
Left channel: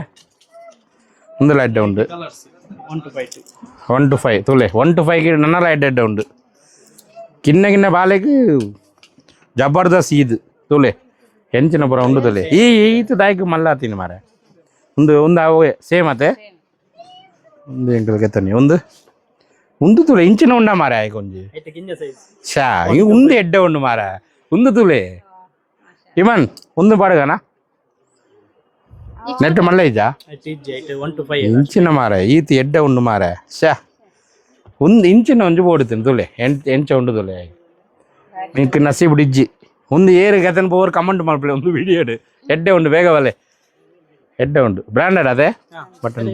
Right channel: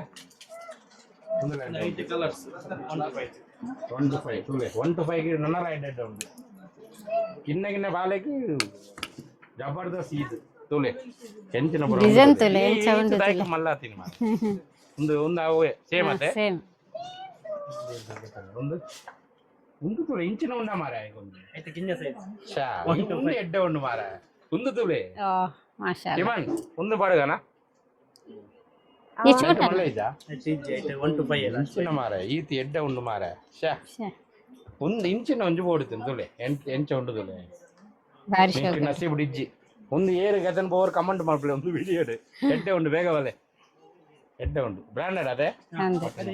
ఉందుల అడ్డ ఉంది ಕಲರ್ಸ್ 1 to 5 1 to 5 ತುಲೆ 1 to 5 కి నన్నల అడ్డ ఉంది కిన్న కిన్న బాలేకి జబర్దస్త్ ఈద్ ತುಲೆ ಎಂಚಿನ ಪುರ ಉಂಡು ತುಲೆ ಈ ಈತ ದಾಯ್ಕು ಮಲ್ಲ ತಿನ್ನು ಮಾರೆ ಒಂದು ಅವೇ ಸೇಮ್ ಅತ್ತೆ ಒಂದು ಎಂಕಲ್ ಕೆತ್ತನಿ ಒಂದು ತುಲೆ ಇಂಚಿನ ಉಂಡ ಮಾರೆ ಆಯ್ಕೆ ಒಂಜಿ ಐತೆ ಗಿನ್ನ ಸೈಜ್ ಶಾ ಈ ಉಂದು ಎಡ್ಡೆ ಉಂಡು ಮಾರ ಒಂದು ತುಲೆ ಮಾಶಾ ಇಮನ್ ಒಂದು ಪಾಡುಗನ ನೆಟ್ ಮಲ್ಲ ಇಜ ಐತೆ 1 to 5 ಇಂಚಿನ ಮಾರ ಈತಿ ಎಡ್ಡೆ ಉಂಡು ಮಾರ ಶಾ ಒಂದು ಇಂಚಿನ ಒಂಜು ಬೋಡುತ್ತೀನಿ ತುಲೆ ಎಂಚ ಉಂಡು ತುಲೆ ಬಾರಿ ನಿಂಗೆ ನಸೀಬ್ ಡಿಜ್ಜಿ ಒಂದು ಏರು ಗತನ್ ಪೋರ್ ಕಮೆಂಟ್ ಮಾಡ್ಬಿಡಿ ಒಂದು ವಿಡಿಯೋ ಎಡ್ಡೆ ಉಂಡು ಬೇಗ ಬಲೆ ಎಡ್ಡೆ ಉಂಡು ಬ್ರಾಂಡೆಡ್ ಅದೇ ಬಟನ್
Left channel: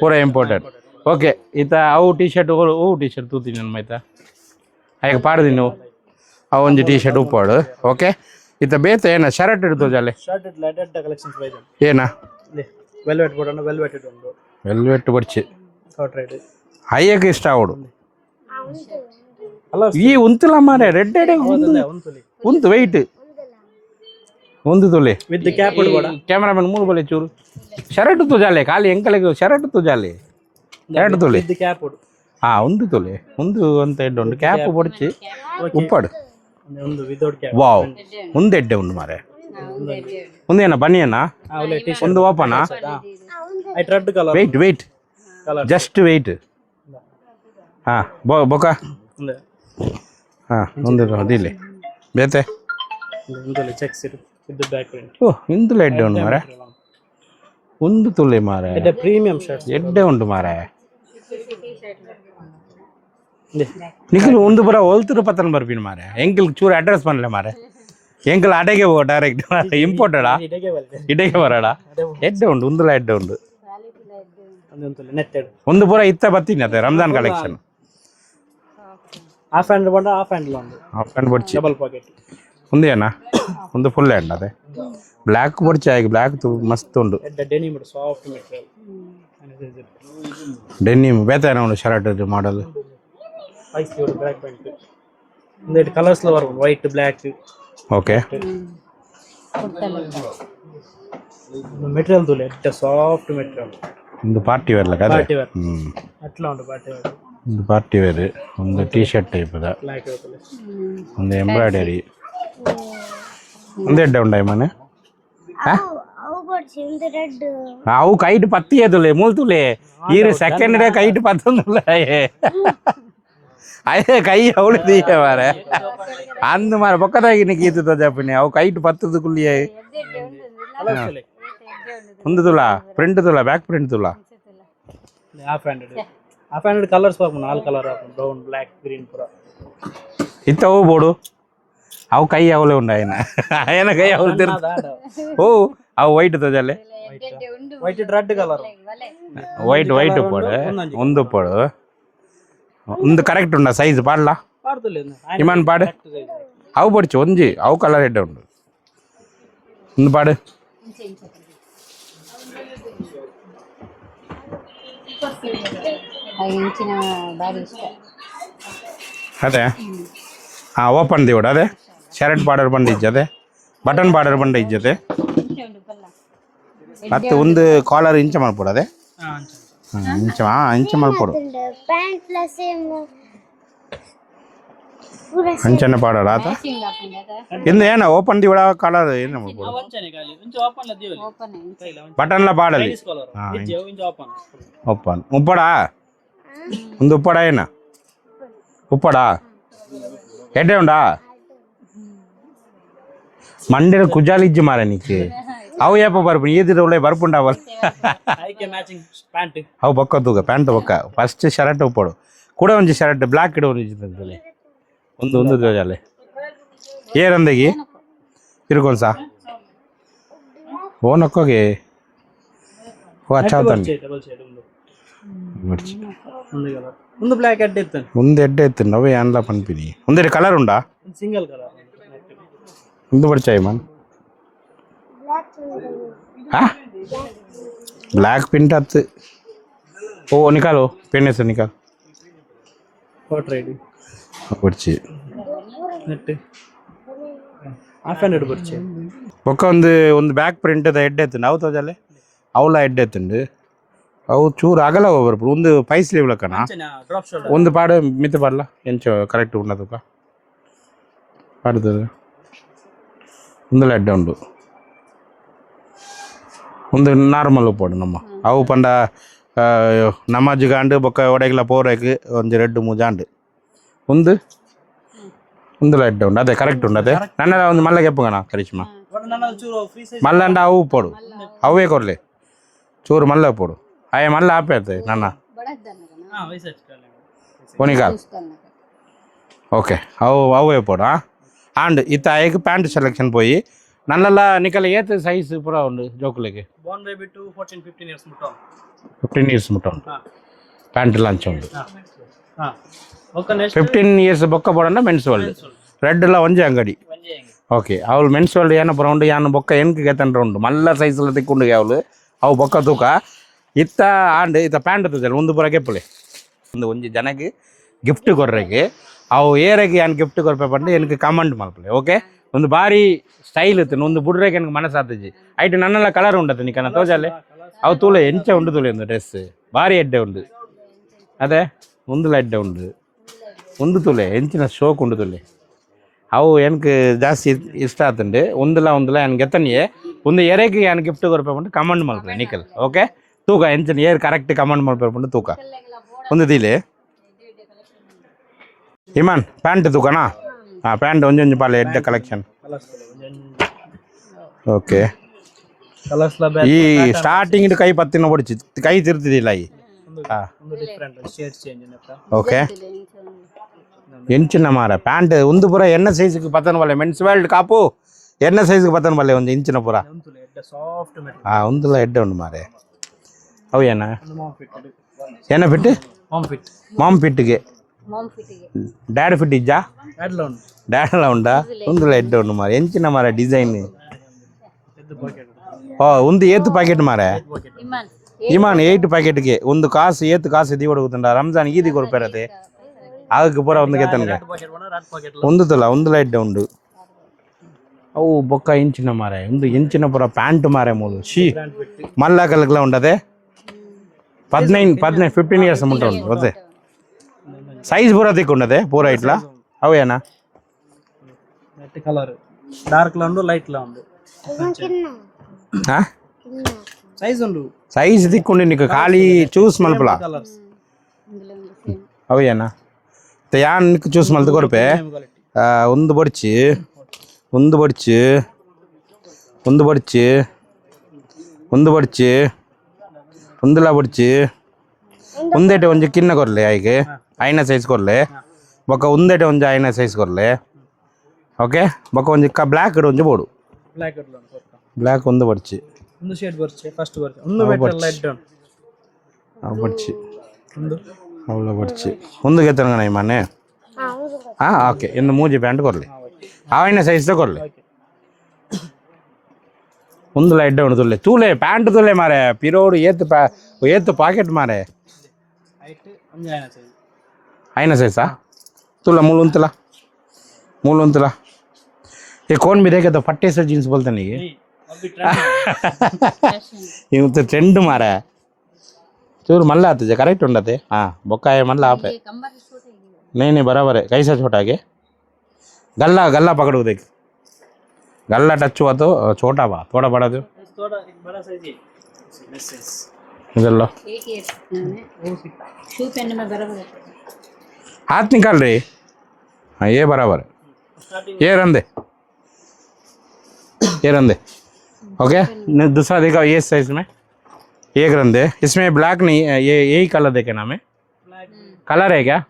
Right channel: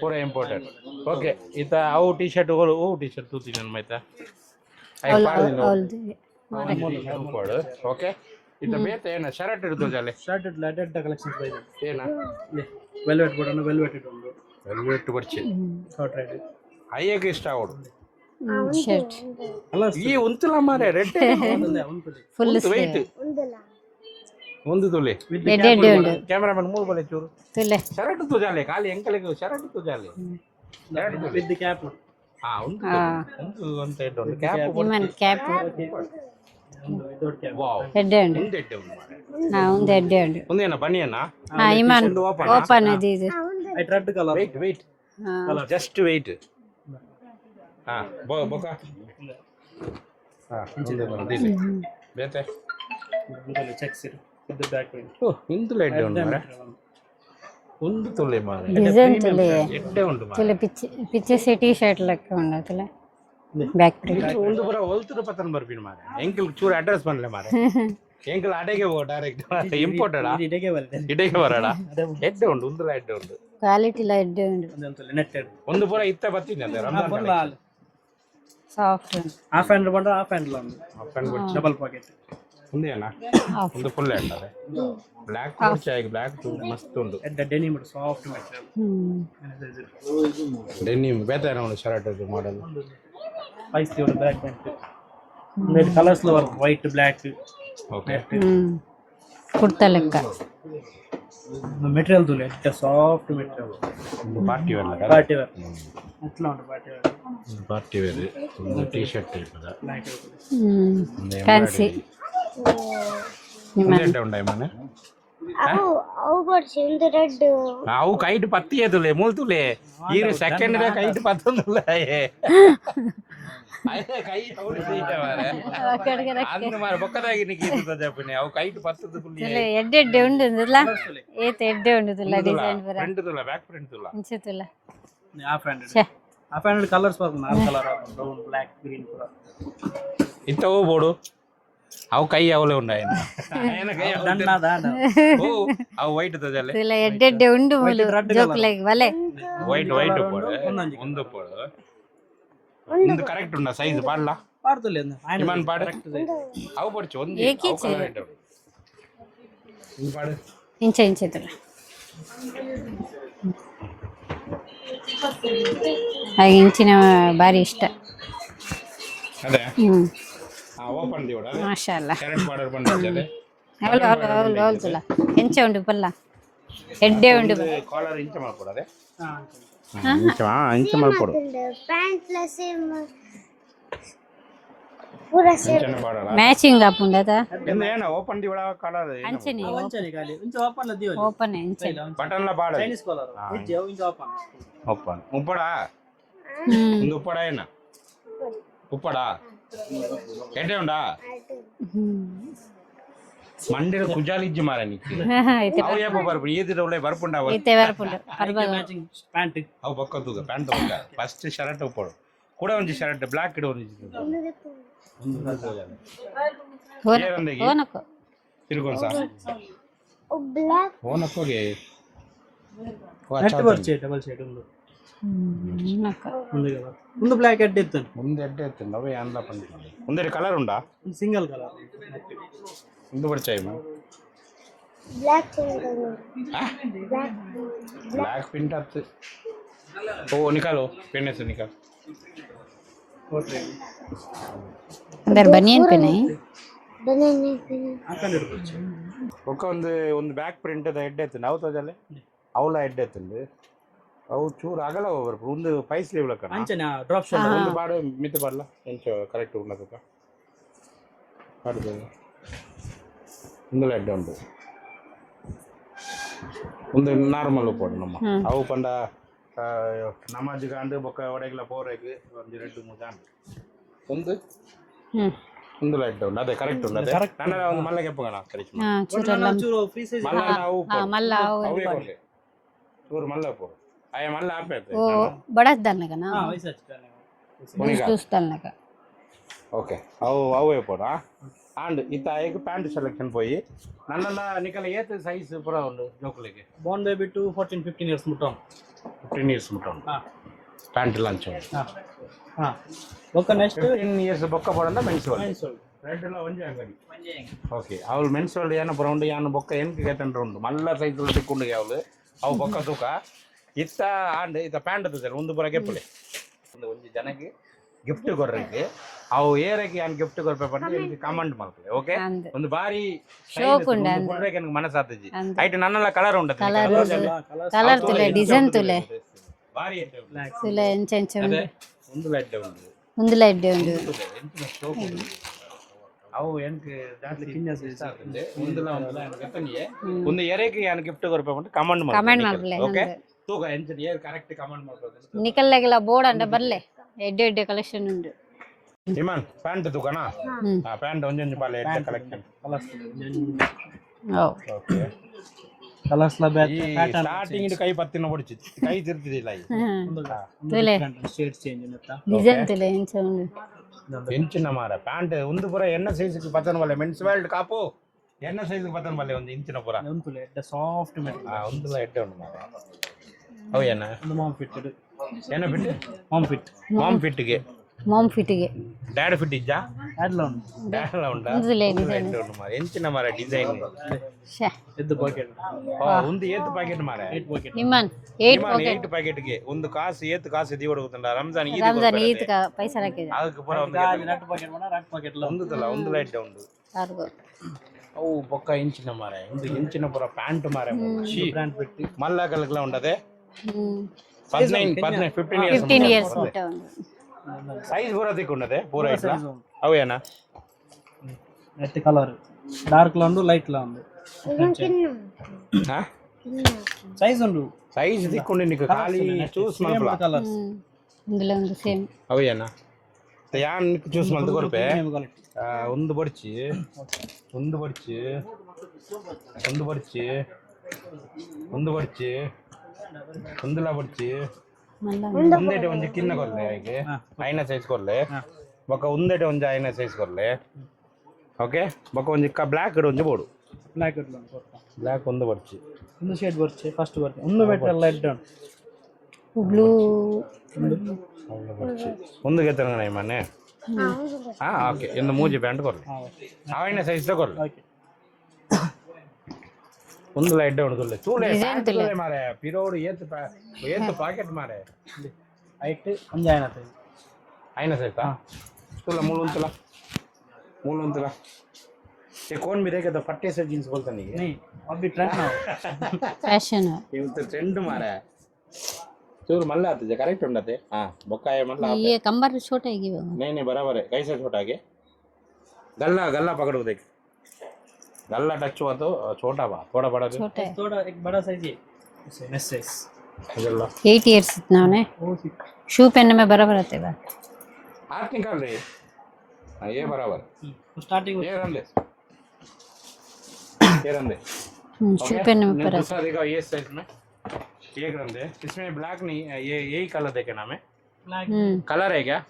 ಪೂರ ಇಂಪಾರ್ಟೆಂಟ್ ಓಕೆ ಈತ ಅವು ಟಿ ಶರ್ಟ್ ತೂತೀನಿ ನನ್ನ ಮೈತ ಆಯ್ಕೆ ಪಾಡ್ದೀನಿ ಅವು ಒಂಜಿ ಟಿ ಶರ್ಟ್ ಉಪ್ಪಾಡು ಓಕೆ ಈತ ಬೇತ ಏನ ಶರ್ಟ್ ಇಡ್ತು ಜಾಲೆ ಶರ್ಟ್ ಲೇಟೆಡ್ ಕಲೆಕ್ಷನ್ಸ್ ಬೈದೆ ಏನ ವೆಲ್ವೆಟ್ ಬೋರ್ಡ್ ವೆಲ್ವೆಟ್ ಉಂಟು ವೆಲ್ವೆಟ್ ಬರ್ಚಿ ಶಾರ್ಟ್ ರೈಡ್ ಅಯ್ಯಕ್ಕೆ ಇಷ್ಟ ಅವಡು ಶರ್ಟ್ ಕಲರ್ಸ್ ಈ ಉಂತಲ ಮಾರೆ ರೆಡ್ ಒಂದಲ್ಲ ಒಂದು ಒಂದು ವೆಯ್ಟ್ ಒಂದು ತುಲೆ ವಿತ್ ದಿ ಕ್ಯಾಪ್ ಕೂಡ ಕ್ಯಾಮರಾಮನ್ ಮೂರು ಬಲೆ ಚೂರು ತುಲೆ ಶರ್ಟ್ ತು ಜಾಲೆ ಖಾಲಿ ಎಂಕಲೆಗೆ ಶರ್ಟ್ ತು ಜಾಲೆ ಎರಡು ತುಲೆ ವಿತ್ ದಿ ಕ್ಯಾಪ್ ಹಾ ಒಂದು ತುಲೆ ಒಂದು ಅಂತ ಎಡ್ಡೆ ಉಂಡು ಕ್ಯಾಪ್ ಬರ್ಚಿ ಕ್ಯಾಪ್ ಉಪ್ಪಾಡು ಒಂದು ವಿತೌಟ್ ಕ್ಯಾಪ್ ವಾವ್ ಎಡ್ಡೆ ಉಂಟು ಒಂದು ಎಡ್ಡೆ ಉಂಡು ಮಾರೆ ಒಂದು ಎಡ್ಡೆ ಉಂಟು ಒಂದೇನ ಬನಿಯನ ಇಮಾನ್ ಒಂದು ಓಪನಾ ಓಪನ್ ಇದು ಐತೆ red colour weight just weight ಹಾ ಬೊಕ ಹಾ ಒಂದು ಅದಿಲ್ಲ ಬೇತೆ ಒಂದು ಚೆಕ್ಸ್ ಇರು ಇದು ಬ್ಯಾಕ್ ಪ್ರಿಂಟ್ ಓ ಇಂದುಲ ಎಡ್ಡೆ ಉಂಡು ಮಾರೆ ಒಂದು ತುಲೆ ಮಾರೆ ಪ್ರೀಮಿಯಂ ಎಡ್ಡೆ ಉಂಡು ಮಾರೆ ಪಿಚ್ಚೆ ಸಿಟಿ ಶರ್ಟ್ ಲೆಕ್ಕ ಉಂಡತಲ್ಲ ಬ್ಯಾಕ್ ನಿಖಿಲ್ ಒಂದು ಪುರ ಹೊಲ್ತಿರು ಪತನ ಬರ್ಪಿನ ಮಾರೆ ಎಂಕಲ್ ಚೂರು ಅಡ್ರೆಸ್ ಬನ್ಲೆ ಮಾರೆ ಎಂಕಲ್ ಅಡೆಗೆ ಹೋಗೋ ಡೈರೆಕ್ಟ್ ಇಂಪೋರ್ಟೆಡಾ ಇಡೆಗೆ ಬರುತ್ತೆ ಇಡೆಗೆ ಬರಡ ಎಡ್ಡೆ ಉಂಡು ಒಂದುಲ ಎಡ್ಡೆ ಉಂಡು ಕ್ವಾಲಿಟಿ ಲ ಎಡ್ಡೆ ಉಂಡು ಒಂದು ನೆಟ್ಟೆಡ್ ಒಂದು ಪುರ ಇತ್ತ ಬತ್ತೀನಿ ಅದೇ ರಂಜಾನ್ ಕಲೆಕ್ಷನ್ ಸಾಫ್ಟ್ ಉಂಟು ಹಾಫ್ ಹ್ಯಾಂಡ್ ಬಂಡ half hand long half pant ಬರ್ಚಿ ಡಬಲ್ ಪಾಕೆಟ್ ಒಂದು ಏನ ಒಂದು ಫುಲ್ ಹ್ಯಾಂಡ್ ಅದೇ ಬ್ಲ್ಯಾಕ್ ಬರ್ಚಿ ಆಗಿ ಬ್ಲ್ಯಾಕ್ ಮಸ್ತ್ ಉಂಡು ಎಡ್ಡ ಡೆನಿಮ್ ಸಾಫ್ಟ್ ಮೆಟೀರಿಯಲ್ ಡೆನ್ನಿಮ್ ಬೇತಾನ ಉಂಡು ಶರ್ಟ್ ಮಾಡಲ್ ಐಸ್ ದಿ ಬ್ಯಾಕ್ ಪ್ಯಾಂಟ್ ಒಂದು ಕಲರ್ಸ್ ಲ ವರ್ ವೈಟ್ ಬ್ಲ್ಯಾಕ್ ಓಕೆ ಕುರ್ತಾ ಲೆಕ್ಕ ಮೆಟೀರಿಯಲ್ ತುಲೆ ಎಡ್ಡ ಸಾಫ್ಟ್ ಮೆಟೀರಿಯಲ್ ಒಂದು ಪಾರ್ಟಿ ವೇರ್ ಲಕ ಪಾರ್ಟಿ ವೇರ್ ಹ್ಮ್ ಅಟ್ಲ ಉಂಟು ಪಾರ್ಟಿ ವೇರ್ ಒಂದು ಪಾರ್ಟಿ ವೇರ್ ಒಂದು ಟಿ ಶರ್ಟ್ ಟೈಪ್ ಅದ ಬ್ಲ್ಯಾಕ್ ಒಂದು ಎಂಬ್ರಾಯ್ಡರಿ ಒಂದು ಎಡ್ಡೆ ಉಂಡ ಮನೆ ಅವು ಕೊಡ್ಸಿ ಒಂದು ರೆಡ್ ಅವು ಕೈಟ್ ಪತ್ತಿ ಎದುಲೆ ಮೂಲ್ತುಲೆ ಈರು ಸೆಕೆಂಡ್ ಡೇ ಕೈಟ್ ಪತ್ತೊಂದುಲ್ಲ ಅಯ್ಯೇ ಕೈ ಅವಳು ದೀಯ ಮಾರೆ ಅಂದು ಮಾರ ಬೊಕ್ಕದಾಗಿ ನಿಗೀತು ತಜಾಪಿನಿ ಅವು ಕೈಟ್ ಪತ್ತದ ಕುಲ್ಲಿಯೇ ಎಡ್ಡೆ ಎಡ್ಡೆ ಉಂಡು ಏತ್ ಎಡ್ಡೆ ಉಂಡು ಒಂದು ತುಲ ಪ್ರಿಂಟ್ ತುಲ ಬ್ಯಾಕ್ ಪ್ರಿಂಟ್ ತುಲ ಅನ್ಸುತ್ತಲ್ಲ ಹಾಫ್ ಹ್ಯಾಂಡ್ ಕಲರ್ಸ್ ಬರ್ಬೋದು 4 ಕಲರ್ ಬ್ರೌನ್ ಬ್ಲ್ಯಾಕ್ ಗ್ರೀನ್ ಪೂರ ಇತ್ತವು ಬೋಡು ಅವು ಕೈ ಅವಲೇ ಉಂಡ ఆయన ఆయన ಕೈ ಅವಳು ಓ ಅವು ವೈಟ್ ತಜಾಲೆ ತುಲ ಎಡ್ಡೆ ಎಡ್ಡೆ ಉಂಡು ರೆಡ್ ಕಲರ್ ಲೈಕ್ ವಲೆ ವೈಟ್ ಪೋಡು ಒಂದು ಪೋಡು ಒಂದು ಕರೆಕ್ಟ್ ಉಂಡ ಸೈಜ್ ಪಾಡ್ಲಾ ಪಾಡ್ತುಲೆ ಇಮಾನ್ ಪಾಡು ಅವು ಪಡ್ಚು ಒಂಜಿ ಅವು ಕಲರ್ ಎಡ್ಡೆ ಉಂಡು ಒಂದು ಪಾಡು ಇಂಚೆ ಇಂಚೆ ತುಲ ಹಾಗೆ ಇಂಚಿನ ಭಾರಿ ಇಷ್ಟ ಅದೇ ಹಾ ಓಪನ್ ದಿವಡ ಅದೇ ಮಾಷಾಲ್ಲ ಶರ್ಟ್ ಬಾರ್ಡರ್ ಬಂದು ಇಜ್ಜದೆ ಬಟನ್ ಬಾರ್ಡರ್ ಬಂದು ಇಜ್ಜದೆ ಎಂಚೆ ಉಂಡು ಪಲ್ಲ ಎಡ್ಡೆ ಮತ್ತೆ ಒಂದು ಕಾಲರ್ ಇಂಚ ಮಾಡ್ಬಿಡದೆ ಇಂಚ ಮಲ್ಪಡು ಪ್ಯಾಂಟ್ ಪ್ಲಸ್ ಸೇಮ್ ಪೂರ ಅಂಚನೆ ಪಾಡೋಡ ಮ್ಯಾಚಿಂಗ್ ಹಾಕೊಂಡದ ಇಂದು ಏನ ಓಪನ್ ದಿ ಒಳ ಕಲರ್ ಏನು ವಂಚನೆ ಖಾಲಿ ಇಂಚ ಓಪನ್ ಲ ದಿವಲಿ ಓಪನ್ ಎಂಚೆ ಬಟನ್ಲ ಪಾಡಲಿ ಚೈನೀಸ್ ಕಲರ್ ಇಂಚ ಓಪನ್ ಓಪನ್ ಉಪ್ಪಡಾ ಒಂದು ಉಪ್ಪಡ ಏನ ಉಪ್ಪಡಾ ಎಡ್ಡೆ ಉಂಡಾ ಮಂಡ್ಯ ಕುಜಾಲಿಜ್ಜಿ ಮಾರ ನೀಕೆ ಅವು ಏಪ ಬರ್ಪು ಈದಿರ ಒಳ್ಳೆ ಬರ್ಪುಂಡ ಮ್ಯಾಚಿಂಗ್ ಪ್ಯಾಂಟ್ ಅವು ಬೊಕ್ಕ ತೂಗ ಪ್ಯಾಂಟ್ ಬೊಕ್ಕ ಫಸ್ಟ್ ಶರ್ಟ್ ಉಪ್ಪಡು ಕೂಡ ಒಂಜಿ ಶರ್ಟ್ ಬ್ಲಾಕ್ ಇಡ ಒಂದು ಒಂದು ಜೋಜಾಲೆ ಏರಂದಗಿ ತಿರ್ಕೊಂಡ್ ಸಾ ಬ್ಲಾಕ್ ಓನಕ್ಕೋಗೆ ಓ ಅಚ್ಚಾ ತಂದು ಡಬಲ್ ಶೇಡ್ ಒಂದು ಒಂದು ಕಲರ್ ಒಂದು ಬ್ಲಾಕ್ ಎಡ್ ಇತ್ತು ಮುಂದೆ ಎಡ್ಡೆ ಎತ್ತು ನವೇ ಅನ್ಲ ಪನ್ಪಿನಿ ಒಂದೇ ಕಲರ್ ಉಂಡಾ ಒಂದು ಸಿಂಗಲ್ ಕಲರ್ ಒಂದು ಬರ್ಚಾಯಿ ಮನ್ ಬ್ಲಾಕ್ ಬ್ಲಾಕ್ ಪಿಂಟ್ ಹತ್ತು ಓ ನಿಕಾಲು ಪೆನ್ ಹೆಸರು ನಿಕಾಲ್ ಕೋಟ್ ರೆಡಿ ಬರ್ಚಿ ಅಂದರ್ ಬನಿಯನ್ ಪೆನೆ ಬನಾನಾ ಹಾಫ್ ಹ್ಯಾಂಡ್ ಬರ್ಚೆ ಒಕ್ಕ ಒಂದು ಬ್ಯಾಕ್ ಪ್ರಿಂಟ್ ಎಡ್ಡೆ ಎತ್ತು ನಾವು ತೋಜಾಲೆ ಅವಳ ಎಡ್ಡೆ ಎತ್ತುಂಡು ಅವು ಚೂರು ಅಗಲ ಬರ್ಪು ಒಂದು ಪೈಸ್ ಲೆವ್ಲಕ್ಕನ ಅಂಚನೆ ಡ್ರಾಪ್ ಶೋಲ್ಡರ್ ಒಂದು ಪಾಡು ಮಿತ್ತು ಪಾಡಲ ಎಂಚ ಕರೆಕ್ಟ್ ಉಂಡದಕ್ಕ ಪಾಡ್ತದೆ ಒಂದೆಲ್ಲ ಎಡ್ಡೆ ಉಂಡು ಒಂದು ನಾರ್ಮಲ್ ಉಪ್ಪಡು ನಮ್ಮ ಅವು ಪಂಡ ನಮಾಜ್ ಗಾಂಡು ಬೊಕ್ಕ ಒಡೆಗ್ಲ ಪೋರಕ್ಕೆ ಒಂದು 2-3 ಜಾಂಡು ಒಂದು ಒಂದೆಲ್ಲ ಎಡ್ಡೆ ಉಂಡು ಅದೇ ಕರೆಕ್ಟ್ ಉಂಡು ಅದೇ ನನ್ನ ಒಂದು ಮಲ್ಲ ಕೆಪ್ಪಗಣ ಕರಿಷ್ಮಾ ಚೂರು ಫ್ರೀ ಸೈಜ್ ಮಲ್ಲಂಡ ಅವು ಉಪ್ಪಡು ಅವೇ ಕೊರ್ಲೆ ಚೂರು ಮಲ್ಲ ಉಪ್ಪಡು ಆಯ ಮಲ್ಲ ಆಪೆ ಇರ್ತದೆ ನನ್ನ ಬಡಸ್ ದನ್ನಗನ ವಯಸ್ಸು ಒನಿಗ ದನ್ನಗ ఓకే అవు అయిపోడా అండ్ ఇత ఏక ప్యాంట్ సెలెక్షన్ పోయి నల్లల నికల ఏత సైజ్ పూరా ఉండు జోకులకి born baby to 14-15 years ಮುಟ್ಟ 15 ఇయర్స్ ముట్టం ప్యాంట్ లాంచ్ ఉంది ఒక నెక్స్ట్ 15 ఇయర్స్ ಬೊಕ್ಕ ಬೋಡಂಡ ಮೆನ್ಸ್ ವರ್ಲ್ಡ್ ರೆಡ್ ಎಲ್ಲ ಒಂಜೆ ಅಂಗಡಿ ಓಕೆ ಅವಳು ಮೆನ್ಸ್ ವರ್ಲ್ಡ್ ಏನ ಬರೌಂಡು ಯಾನ ಬೊಕ್ಕ ಎನ್ಕ್ ಗೆತಂಡ್ರ ಉಂಡು ಮಲ್ಲ ಸೈಜ್ ತಿಕ್ಕೊಂಡು ಅವಳು ಅವು ಬೊಕ್ಕ ತೂಕ ಇತ್ತ ಆಂಡ್ ಇತ್ತ ಪ್ಯಾಂಟ್ ತೂಜಲ್ಲ ಒಂದು ಪೂರ ಕೆಪ್ಪಲೆ ಒಂದು ಒಂಜಿ ಜನಕ್ಕೆ ಗಿಫ್ಟ್ ಕೊರ್ರೆಗೆ ಅವು ಏರೆಗೆ ಏನು ಗಿಫ್ಟ್ ಕೊರ್ಪೆ ಪಂಡು ಎನ್ಕ್ ಕಮೆಂಟ್ ಮಾಡ್ಪಲೆ ಓಕೆ ಒಂದು ಬಾರಿ ಸ್ಟೈಲ್ ಇತ್ತು ಒಂದು ಬುಡ್ರೆಗೆ ಎನ್ಕ್ ಮನಸ್ಸಾತಜಿ ಐಟ್ ನನ್ನೆಲ್ಲ ಕಲರ್ ಉಂಡದು ನಿಕನ ತೋಜಾಲೆ ಅವು ತುಲೆ ಎಂಚ ಉಂಡು ತುಲೆ ಡ್ರೆಸ್ ಬಾರಿ ಎಡ್ಡೆ ಉಂಡು ಸುಲೆ ಎಂಚ ಎಂಚ ಅದೇ ಒಂದುಲ ಎಡ್ಡೆ ಉಂಡು ಮುಂದಲ ಇಡ್ಡೆ ಒಂದು ತುಲೆ ಎಂಚಿನ ಶೋಕ್ ಉಂಡು ತುಲೆ ಅವು ಎನ್ಕ್ ಜಾಸ್ತಿ ಇಷ್ಟ ಆತಂಡೆ ಒಂದುಲ ಎನ್ಗೆ ಎತ್ತನಿಯೇ ಒಂದು ಎರೆಗೆ ಏನು ಗಿಫ್ಟ್ ಕೊರ್ಪೆ ಪಂಡು ಕಮೆಂಟ್ ಮಾಡ್ಪಲೆ ಓಕೆ ತೂಕ ಎಂಚನ ಏರ್ ಕರೆಕ್ಟ್ ಕಮೆಂಟ್ ಮಾಡ್ಪೆ ಪಂಡು ತೂಕ ನಿಕಲ್ಲೆಗಲ ಬೋರ್ಡ್ ಒಂದು ದಿಲೆ ಎಡ್ಡೆ ಎಡ್ಡೆ ಕಲೆಕ್ಷನ್ ಉಂಟು ಇಮಾನ್ ಪ್ಯಾಂಟ್ ತೂಕನಾ ಪ್ಯಾಂಟ್ ಒಂಜೊಂಜಿ ಪಾಲೆ ಎಡ್ಡೆ ಕಲೆಕ್ಷನ್ ಓಕೆ ಕಲರ್ಸ್ ಲ ಈ ಸ್ಟಾರ್ಟಿಂಗ್ ಕೈ ಪತ್ತಿನ ಹೊಡಿಚಿ ಕೈ ತಿರ್ತಿದಿಲ್ಲ ಈ ಶೇಡ್ಸ್ ಚೇಂಜ್ ಅಂತ ಓಕೆ ಎಂಚ ಉಂಡು ಎಂಚಿನ ಮಾರ ಪ್ಯಾಂಟ್ ಒಂದು ಪುರ ಎನ್ನ ಸೈಜ್ಗೆ ಪತನ ಬಲ್ಲೆ ಮೆನ್ಸ್ ವರ್ಲ್ಡ್ ಕಾಪು ಎನ್ನ ಸೈಜ್ಗೆ ಪತನ ಬಲ್ಲೆ ಒಂದು ಇಂಚಿನ ಪುರ ಒಂದುಲೆ ಎಡ್ಡೆ ಸಾಫ್ಟ್ ಮೆಟೀರಿಯಲ್ ಒಂದುಲ ಎಡ್ಡೆ ಉಂಡು ಮಾರೆ ಅವು ಏನ ಮಾಮ್ ಫಿಟ್ಟೆಡ್ ಏನ ಫಿಟ್ ಮಾಮ್ ಫಿಟ್ ಮಾಮ್ ಫಿಟ್ಗೆ ಮಾಮ್ ಫಿಟ್ಗೆ ಡ್ಯಾಡ್ ಫಿಟ್ ಇಜ್ಜಾ ಆಡ್ಲ ಉಂಟು ಡ್ಯಾಡ್ ಉಂಡಾ ಒಂದುಲ ಎಡ್ಡೆ ಉಂಡು ಮಾರೆ ಎಂಚಿನ ಮಾರ ಡಿಸೈನ್ ಶೇ ಎದ್ದು ಪಾಕೆಟ್ ಓ ಒಂದು ಏತ್ ಪ್ಯಾಕೆಟ್ ಮಾರೆ ಪಾಕೆಟ್ ಇಮಾನ್ ಇಮಾನ್ 8 ಪ್ಯಾಕೆಟ್ಗೆ ಒಂದು ಕಾಸು ಏತ್ ಕಾಸು ದಿ ಹೊಡಗುತ್ತಂಡ ರಂಜಾನ್ ಈದಿ ಕೊಡ್ಪರತೆ ಪೈಸಾ ಹಾಕಿದೆ ಅದಕ್ಕೆ ಪೂರ ಒಂದು ಗೆತನ್ಗ ಪಾಕೆಟ್ ಬಣ ರಾಟ್ ಪಾಕೆಟ್ ಒಂದು ತಲ ಒಂದು ಲೈಟ್ ಉಂಡು ಕಾರ್ಗೋ ಅವು ಬೊಕ್ಕ ಇಂಚಿನ ಮಾರೆ ಒಂದು ಇಂಚಿನ ಪುರ ಪ್ಯಾಂಟ್ ಮಾರೆ ಮೂಲು ಶೀ ಬ್ರಾಂಡ್ ಫಿಟ್ ಮಲ್ಲ ಕಲಕ್ಲ ಉಂಡದೆ 15 ಇಯರ್ಸ್ ಮುಂದೆ ಗೊತ್ತೆ ಸೈಜ್ ಪೂರ ತಿಕ್ಕೊಂಡದೆ ಪೂರ ಇಟ್ಲ ಅವೇನಾ ನೆಟ್ ಕಲರ್ ಡಾರ್ಕ್ ಲ ಉಂಡು ಲೈಟ್ ಲ ಉಂಡು ಹಾ ಸೈಜ್ ಉಂಡು ಸೈಜ್ ತಿಕ್ಕೊಂಡು ನಿಕ ಖಾಲಿ ಚೂಸ್ ಮಲ್ಪಲ ಕಲರ್ಸ್ ಇಂದುಲ ಒಂದು ಸೇಮ್ ಅವೇನಾ ಯಾನ್ ನಿಕ್ ಚೂಸ್ ಮಲ್ತು ಕೊರ್ಪೆ ಒಂದು ಬಡ್ಚಿ ಒಂದು ಬಡ್ಚಿ ಒಂದು ಬಡ್ಚಿ ಒಂದು ಬಡ್ಚಿ ಒಂದುಲ ಬಡ್ಚಿ ಒಂದೇಟೆ ಒಂಜಿ ಕಿನ್ನ ಕೊರ್ಲೆ ಆಯ್ಕೆ ಐನ ಸೈಜ್ ಕೊರ್ಲೆ ಬೊಕ್ಕ ಒಂದೇಟೆ ಒಂಜಿ ಐನ ಸೈಜ್ ಕೊರ್ಲೆ ಓಕೆ ಬೊಕ್ಕ ಒಂಜಿ ಬ್ಲ್ಯಾಕ್ ಇಡು ಒಂಜಿ ಬೋಡು ಬ್ಲಾಕ್ ಇರ್ಲ ಉಂಟು ಕೊರ್ಕ ಬ್ಲ್ಯಾಕ್ ಒಂದು ಬಡ್ಚಿ ಒಂದು ಶೇಡ್ ಬರ್ಚೆ ಫಸ್ಟ್ ಬರ್ಚೆ ಒಂದು ಮೆಟಲ್ ಲೈಟ್ ಡೌನ್ ಬಡ್ಚಿ ಒಂದು ಅವಳ ಬಡ್ಚಿ ಒಂದು ಗೆತ್ತನಗನ ಈ ಮನೆ ಓಕೆ ಇನ್ನು ಮೂಜಿ ಪ್ಯಾಂಟ್ ಕೊರ್ಲೆ ಆವೈನ ಸೈಜ್ ಕೊರ್ಲೆ ಓಕೆ ಒಂದು ಲೈಟ್ ಉಂಡು ತುಲ್ಲೆ ತೂಲೆ ಪ್ಯಾಂಟ್ ತುಲ್ಲೆ ಮಾರೆ ಪಿರೋಡು ಏತ್ತು ಪಾಕೆಟ್ ಮಾರೆ ಹೈಟ್ ಒಂದು ಐನ ಸೈಜ್ ಐನ ಸೈಜಾ ತುಲ ಮೂಲು ಉಂತಲ ये कौन भी देखे तो फट्टे से जीन्स बोलते नहीं नहीं अभी ट्रेंड ಫ್ಯಾಷನ್ ये तो ट्रेंड मारा है चूर मल्ला आते करेक्ट ఉండते हाँ बोका है मल्ला आप ये कंबर छोटा है कि वो? नहीं बराबर है कैसा छोटा है गल्ला गल्ला पकड़ो देख गल्ला टच हुआ तो छोटा बा थोड़ा बड़ा दो छोटा है थोड़ा एक बड़ा साइज है उसे लेस साइज इधर लो 8 इयर्स इतना ने शू पहनने में बराबर आते बा हाथ निकाल रहे हाँ ये बराबर है स्टार्टिंग ये रंदे ओके दूसरा देखो ये साइज में एक रंदे इसमें ब्लैक नहीं है ये यही कलर देखे ना हमें कलर है क्या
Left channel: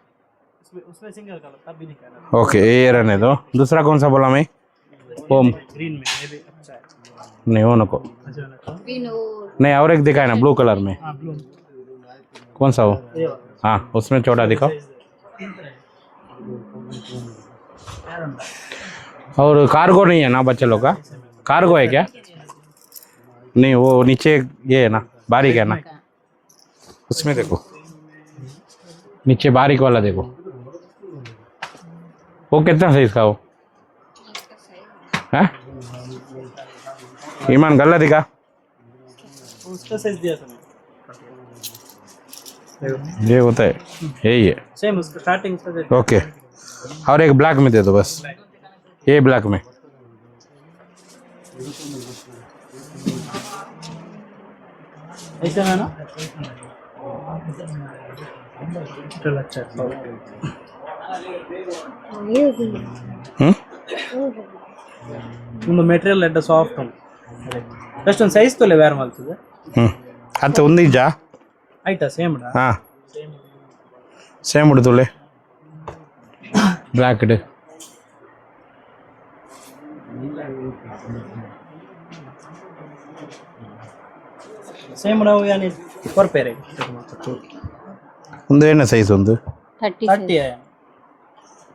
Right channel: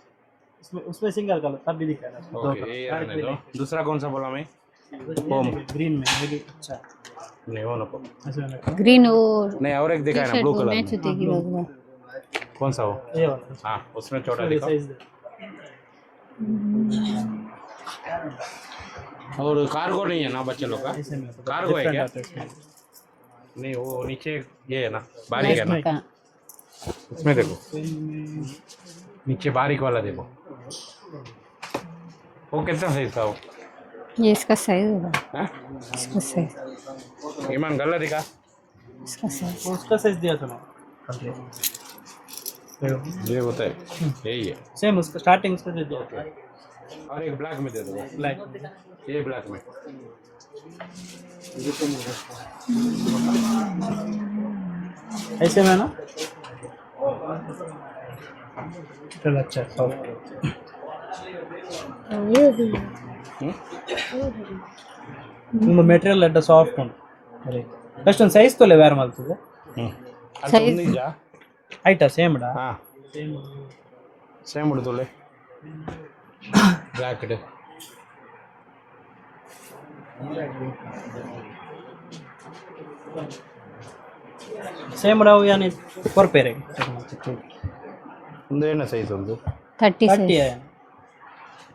उसमें सिंगल कलर तब भी दिखा रहा ओके ये रहने दो दूसरा कौन सा बोला मैं होम ग्रीन में ये भी अच्छा नहीं वो नको अच्छा लगा ग्रीन वो नहीं और एक दिखाए ना ब्लू कलर में देगी वो कौन सा वो ये वाला हाँ उसमें छोटा दिखाओ और कार्गो नहीं है ना बच्चे लोग का कार्गो है क्या नहीं वो नीचे ये है ना बारीक है ना उसमें देखो नीचे बारीक वाला देखो वो कितना साइज का वो ये इसका साइज होगा है इसका साइज ईमान गल्ला दिखा इसका साइज उसका साइज दिया था ये होता है यही है सेम उसका स्टार्टिंग उसका दे ओके और एक ब्लैक में दे दो बस ब्लैक ये ब्लैक में ऐसे में ना चल अच्छा You be. हम्म ನಿಮ್ಮ ಮೆಟೀರಿಯಲ್ ಎಡ್ಡ ಸಾಫ್ಟ್ ಉಂಟು ಅಷ್ಟೊಂದು ಸೈಜ್ ತೊಲೆ ಬೇರೆ ಮಾಡ್ತದೆ अच्छा उन्दी जा ಆಯ್ತಾ ಸೇಮ್ ಡಾ हाँ सेम उड़तुले ब्लैक डे ಸೇಮ್ ಡಾ ಯಾನೆ ಫಾರ್ ಪೇರೆ उंदे ना सही सुंदु 30 30 है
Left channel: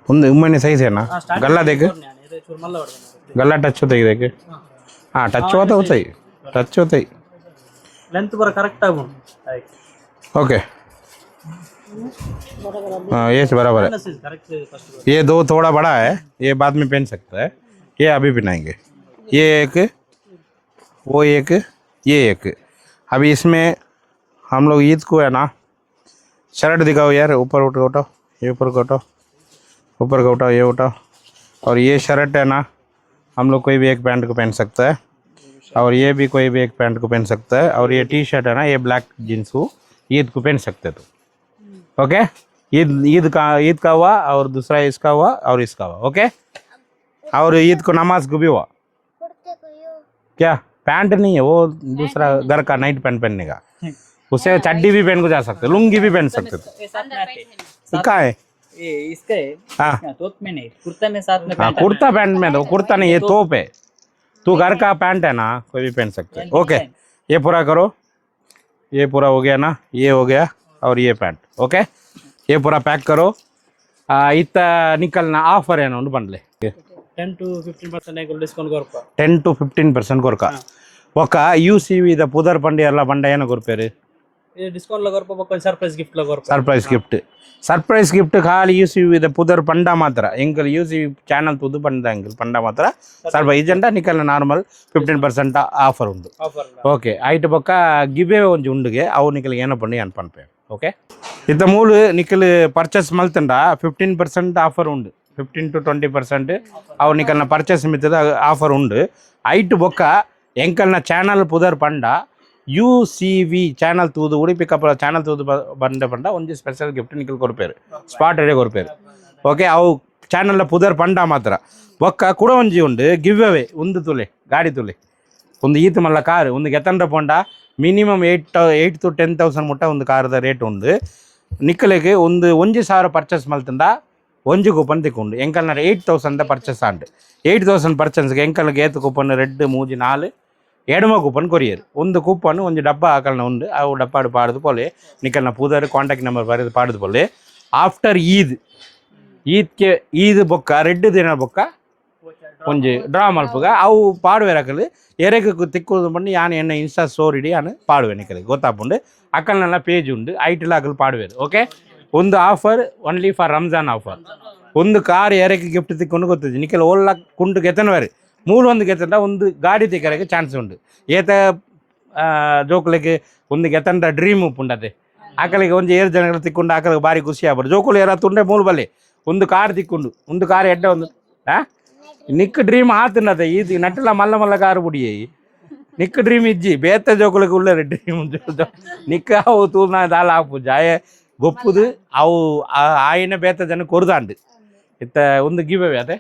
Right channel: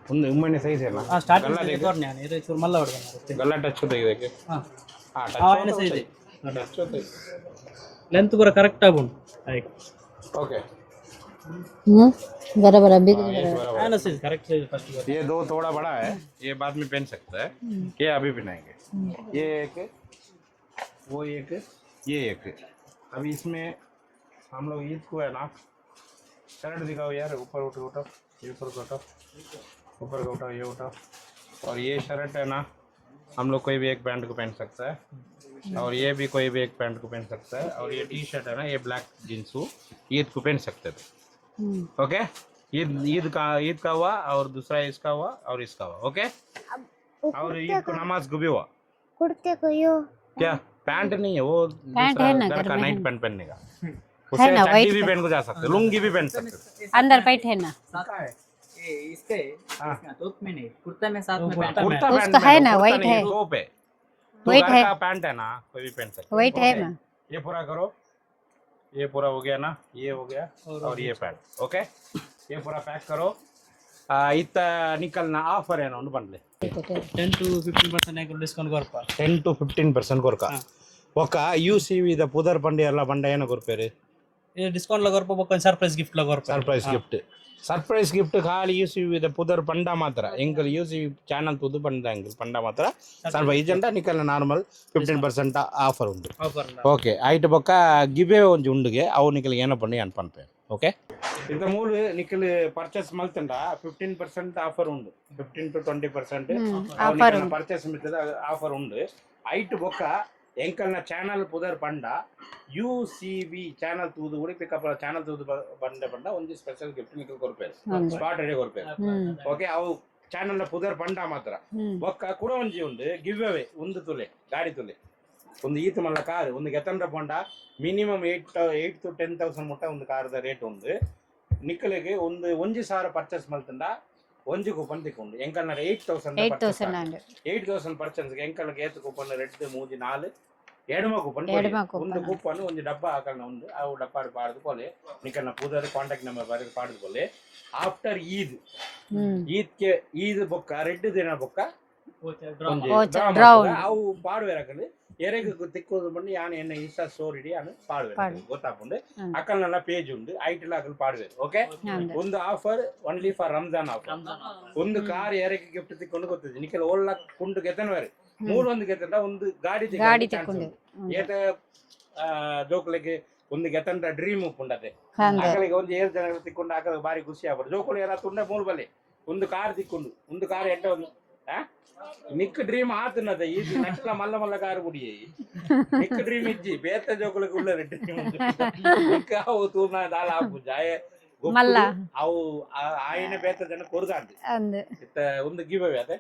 उंदे उम्मने सही से ना गल्ला देख ಇದು ಚೂರು ಮಲ್ಲ ಹೊಡೆದ गला टच होता ही देखे ಹಾ हाँ टच होता होता ही टच होता ही ಲೆಂತ್ ಬರ ಕರೆಕ್ಟ್ ಆಗಿ ಉಂಟು ಲೈಕ್ ओके बराबर अभी हाँ ये से बराबर है ಸೈಜ್ ಕರೆಕ್ಟ್ ಸೈಜ್ ಫಸ್ಟ್ ये दो थोड़ा बड़ा है ये बाद में पहन सकता है ये अभी पहनाएंगे ये एक वो एक ये एक अभी इसमें हम लोग ईद को है ना शर्ट दिखाओ यार ऊपर उठाओ ये ऊपर का उठाओ ये उठाओ और ये शर्ट है ना हम लोग कोई भी एक पैंट को पहन सकता है और ये भी कोई भी एक पैंट को पहन सकता है और ये टी शर्ट है ना ये ब्लैक जीन्स को ईद को पहन सकते तो ओके ईद का हुआ और दूसरा इसका हुआ और इसका हुआ ओके और ईद को नमाज को भी हुआ कुर्ते को यो. क्या पैंट नहीं है वो दूसरा है ना, घर का नाइट पैंट पहनने का उससे चड्डी भी पहन को जा सकते लुंगी भी पहन सकते थे अंदर पैंट है ना कहाँ है ये इसका है हाँ तोप में नहीं कुर्ता में साथ में हाँ पैंट कुर्ता पैंट में है तो ना, कुर्ता white नहीं ये है। तोप है तू White घर है। का पैंट है ना कोई भी पहन सकते White ओके है ना। ये पूरा करो ये पूरा हो गया ना ये हो गया और ये पैंट ओके ये पूरा पैक करो इतना निकलना ऑफर है ना उन बंडले 10 to 15% ಡಿಸ್ಕೌಂಟ್ ಕೊರಪ 10 to 15% కొరక ఒక యూసీవి ద పుదర్ పండి అలా బండ అయిన కొరిపారు ಇದು ಡಿಸ್ಕೌಂಟ್ ಕೊರಪ ಬೊಕ್ಕ ಸರ್ಪ್ರೈಸ್ ಗಿಫ್ಟ್ ಕೊರಪ ಸರ್ಪ್ರೈಸ್ ಗಿಫ್ಟ್ ಖಾಲಿ ಯೂಸಿವಿ ದ ಪುದರ್ ಪಂಡ ಮಾತ್ರ ಎಂಕಲ್ ಯೂಸಿವಿ ಚಾನಲ್ ತುದು ಪಂಡ ಎಂಕಲ್ ಪಂಡ ಮಾತ್ರ ಸ್ವಲ್ಪ ಇಜೆಂಡ ನಿಕಲ್ ನಾರ್ಮಲ್ 15% ಆಫರ್ ಉಂಟು ಆಫರ್ ಓಕೆ ಐಟ್ ಪಕ್ಕ ಗಿವೆ ಒಂಜಿ ಉಂಡುಗೆ ಅವು ನಿಕಲ್ ಏನೋ ಪಂಡಿ ಅನ್ ಪನ್ಪೆ ಓಕೆ ಇತ್ತ ಮೂಲು ನಿಕಲ್ ಪರ್ಚೇಸ್ ಮಲ್ತಂಡ 15% ಆಫರ್ ಉಂಡು 15 to 20% ಅವು ನಿಕಲ್ನ ಪರ್ಚೇಸ್ ಮಿತ್ತದ ಆಫರ್ ಉಂಡು ಐಟ್ ಬೊಕ್ಕ ಎಂಕಲ್ನ ಚಾನಲ್ ಪುದರ್ ಪಂಡ यूसीवी चैनल तूदु उड़ीपी कपल चैनल तूदु बंडे पंड ಒಂಜಿ ಸ್ಪೆಷಲ್ ಗಿಫ್ಟ್ ನಿಕಲ್ ಕೊರ್ಪೇರು ಸ್ಪಾಟ್ ಎಡೆ ಕೊರ್ಪೇರು ಓಕೆ ಅವು ಚಾನಲ್ ಪುದರ್ ಪಂಡ ಮಾತ್ರ ಒಕ್ಕ ಕೂಡ ಒಂಜಿ ಉಂಡು ಗಿವ್ ಅವೇ ಒಂದು ತುಲೆ ಗಾಡಿ ತುಲೆ ಒಂದು ಈತ್ ಮಲ್ಲ ಕಾರ್ ಒಂದು ಗೆತಂಡ ಪೊಂಡ ಮಿನಿಮಮ್ 8 to 10,000 ಮುಟ್ಟ ಒಂದು ಕಾರ್ದ ರೇಟ್ ಉಂಡು ನಿಕ್ಕಲೆಗೆ ಒಂದು 1,000 ಪರ್ಚೇಸ್ ಮಲ್ತಂಡ ಒಂಜಿ ಕೂಪನ್ ತಿಕ್ಕೊಂಡು ಎಂಕಲ್ನ 8,000 ಪರ್ಚೇಸ್ ಆಂಡ್ 8,000 ಪರ್ಚೇಸ್ಗೆ ಎಂಕಲ್ಗೆ ಏತ್ ಕೂಪನ್ ರೆಡ್ ಮೂಜಿ 4 ಎಡಮ ಕೂಪನ್ ಕೊರಿಯದು ಒಂದು ಕೂಪನ್ ಒಂದು ಡಬ್ಬ ಹಾಕಲ್ನ ಉಂಡು ಅವು ಡಪ್ಪಾಡು ಪಾಡುದು ಪೋಲೆ ನಿಕಲ್ನ ಪೂದರ್ ಕಾಂಟ್ಯಾಕ್ಟ್ ನಂಬರ್ ಬರೆದು ಪಾಡುದು ಪೋಲೆ ಆಫ್ಟರ್ ಈದ್ಗೆ ಈದ್ ಬೊಕ್ಕ ರೆಡ್ ದಿನ ಬೊಕ್ಕ ಒಂಜಿ ಡ್ರಾ ಮಾಡ್ಪುಗ ಅವು ಪಾಡುವೆ ರಕಲು ಎರೆಗೆ ತಿಕ್ಕೋದು ಬಂದು ಯಾನು ಎನ್ನ ಇನ್ಸ್ಟಾ ಸ್ಟೋರಿ ಇಡಿ ಯಾನು ಪಾಡುವೆ ನಿಕಲ್ ಗೊತ್ತಾಪುಂಡು ಅಕ್ಕಲ್ನೆಲ್ಲ ಪೇಜ್ ಉಂಡು ಐಟಿಲ್ ಹಾಕಲು ಪಾಡುವೆದು ಓಕೆ ಒಂದು offer only for Ramzan offer ಒಂದು ಕಾರ್ ಎರೆಗೆ ಗಿಫ್ಟ್ ತಿಕ್ಕೊಂಡು ಗೊತ್ತಿದೆ ನಿಕಲ್ ಓಲ್ಲ ಕುಂಟು ಗೆತನವರೆ ಮೂರು ಒಂದು ಗೆತ್ತಂಡ ಒಂದು ಗಾಡಿ ತೆಗೆಯಕ್ಕೆ ಚಾನ್ಸ್ ಉಂಟು ಏತ ಜೋಕ್ಲೆಗೆ ಒಂದು ಗೆತ್ತಂಡ ಡ್ರೀಮ್ ಉಂಡದೆ ಆಕಳಿಗೆ ಒಂಜಿ 7 ಜನಗಳು ತಿಕ್ಕೊಂಡು ಆಕಳಿಗೆ ಬಾರಿ ಖುಷಿ ಆಗ್ಬಾರ್ದು ಜೋಕುಲು ಏರ ತುಂಡೆ ಮೂಲು ಬಲ್ಲೆ ಒಂದು ಕಾರ್ ತಿಕ್ಕೊಂಡು ಒಂದು ಕಾರ್ ಎಡ್ಡೆ ಒಂದು ನಿಕ್ ಡ್ರೀಮ್ ಆತನದ ಇದು ನಟ್ಟಲ ಮಲ್ಲ ಮಲ್ಲ ಕಾರು ಬುಡಿಯೇ ನಿಕ್ ಡ್ರೀಮ್ ಇಜ್ಜಿ ಬೇತ ಜೋಕುಲಿಗೆ ಉಳ್ಳ ಡ್ರೀಮ್ ನಿಕ್ಕ ಅವು ತೂರ್ನ ದಾಲ ಹಾಕು ಜಾಯ ಗೊಪ್ಪುದು ಅವು ಆಯಿನ ಬೇತ ಜನ ಕೊರ್ದಾಂಡು ಇತ್ತ ಒಂದು ಗಿವ್ ಅವೇ ಅದೇ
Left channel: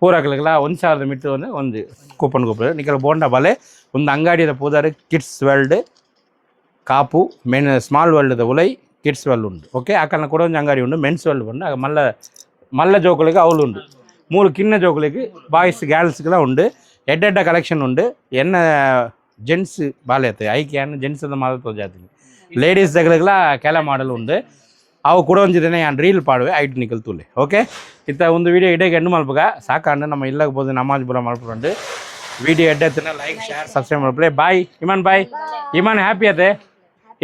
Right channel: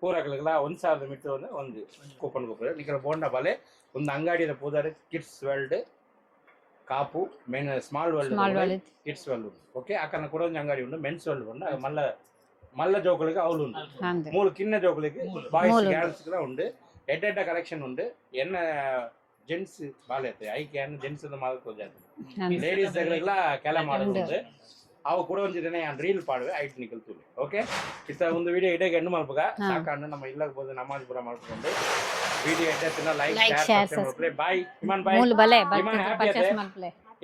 ಪೂರಕ್ಲಿಗೆಲ್ಲ 1,000 ಮೀಟರ್ ಒಂದು ಕೂಪನ್ ಕೊಪ್ಪಳ ನಿಕ್ಕಲ ಬೋಂಡ ಬಲೆ ಒಂದು ಅಂಗಡಿಯ ಪೂದಾರೆ kids world Kapu men small world ಉಲೈ ಕಿಡ್ಸ್ ವರ್ಲ್ಡ್ ಉಂಡು ಓಕೆ ಅಕ್ಕನ ಕೂಡ ಒಂದು ಅಂಗಡಿ ಉಂಡು ಮೆನ್ಸ್ ವರ್ಲ್ಡ್ ಉಂಡು ಮಲ್ಲ ಮಲ್ಲ ಜೋಕುಲಿಗೆ ಅವಳು ಉಂಡು 3 ಕಿನ್ನ ಜೋಕುಲಿಗೆ ಬಾಯ್ಸ್ ಗರ್ಲ್ಸ್ಗೆಲ್ಲ ಉಂಡು ಎಡ್ಡೆಡ್ಡ ಕಲೆಕ್ಷನ್ ಉಂಡು ಎನ್ನ ಜೆಂಟ್ಸ್ ಬಾಲ್ಯತೆ ಐಕೆ ಅನ್ನ ಜೆಂಟ್ಸ್ ಅಂತ ಮಾತ್ರ ಜಾತಿ ಲೇಡೀಸ್ దగ్గరಗಳ ಕೆಲ ಮಾಡಲು ಉಂಡು ಅವು ಕೂಡ ಒಂದಿನ ನಾನು ರೀಲ್ ಪಾಡುವೆ ಐಟ್ ನಿಕಲ್ ತುಲೆ ಓಕೆ ಇತ್ತ ಒಂದು ವಿಡಿಯೋ ಇಡೀಗೆ ಹೆಣ್ಣು ಮಲ್ಪಗ ಸಾಕಂಡು ನಮ್ಮ ಇಲ್ಲಗೆ ಬೋದು ನಮಾಜ್ ಬುರ ಮಲ್ಪುಂಡು ವಿಡಿಯೋ ಎಡ್ಡೆತ್ತನ ಲೈಕ್ ಶೇರ್ ಸಬ್ಸ್ಕ್ರೈಬ್ ಮಲ್ಪಲೆ ಬಾಯ್ ಇಮಾನ್ ಬಾಯ್ ಇಮಾನ್ ಹ್ಯಾಪಿ ಅತೆ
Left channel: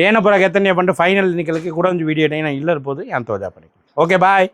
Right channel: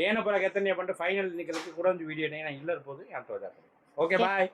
ಏನೋ ಬರ ಗೆತ್ತನೆ ಬಂದು ಫೈನಲ್ ನಿಕಲ್ಗೆ ಕೂಡ ಒಂದು ವಿಡಿಯೋ ನಾನು ಇಲ್ಲ ಇರ್ಬೋದು ಅಂತ ಓದಾಪಡಿ ಓಕೆ ಬಾಯ್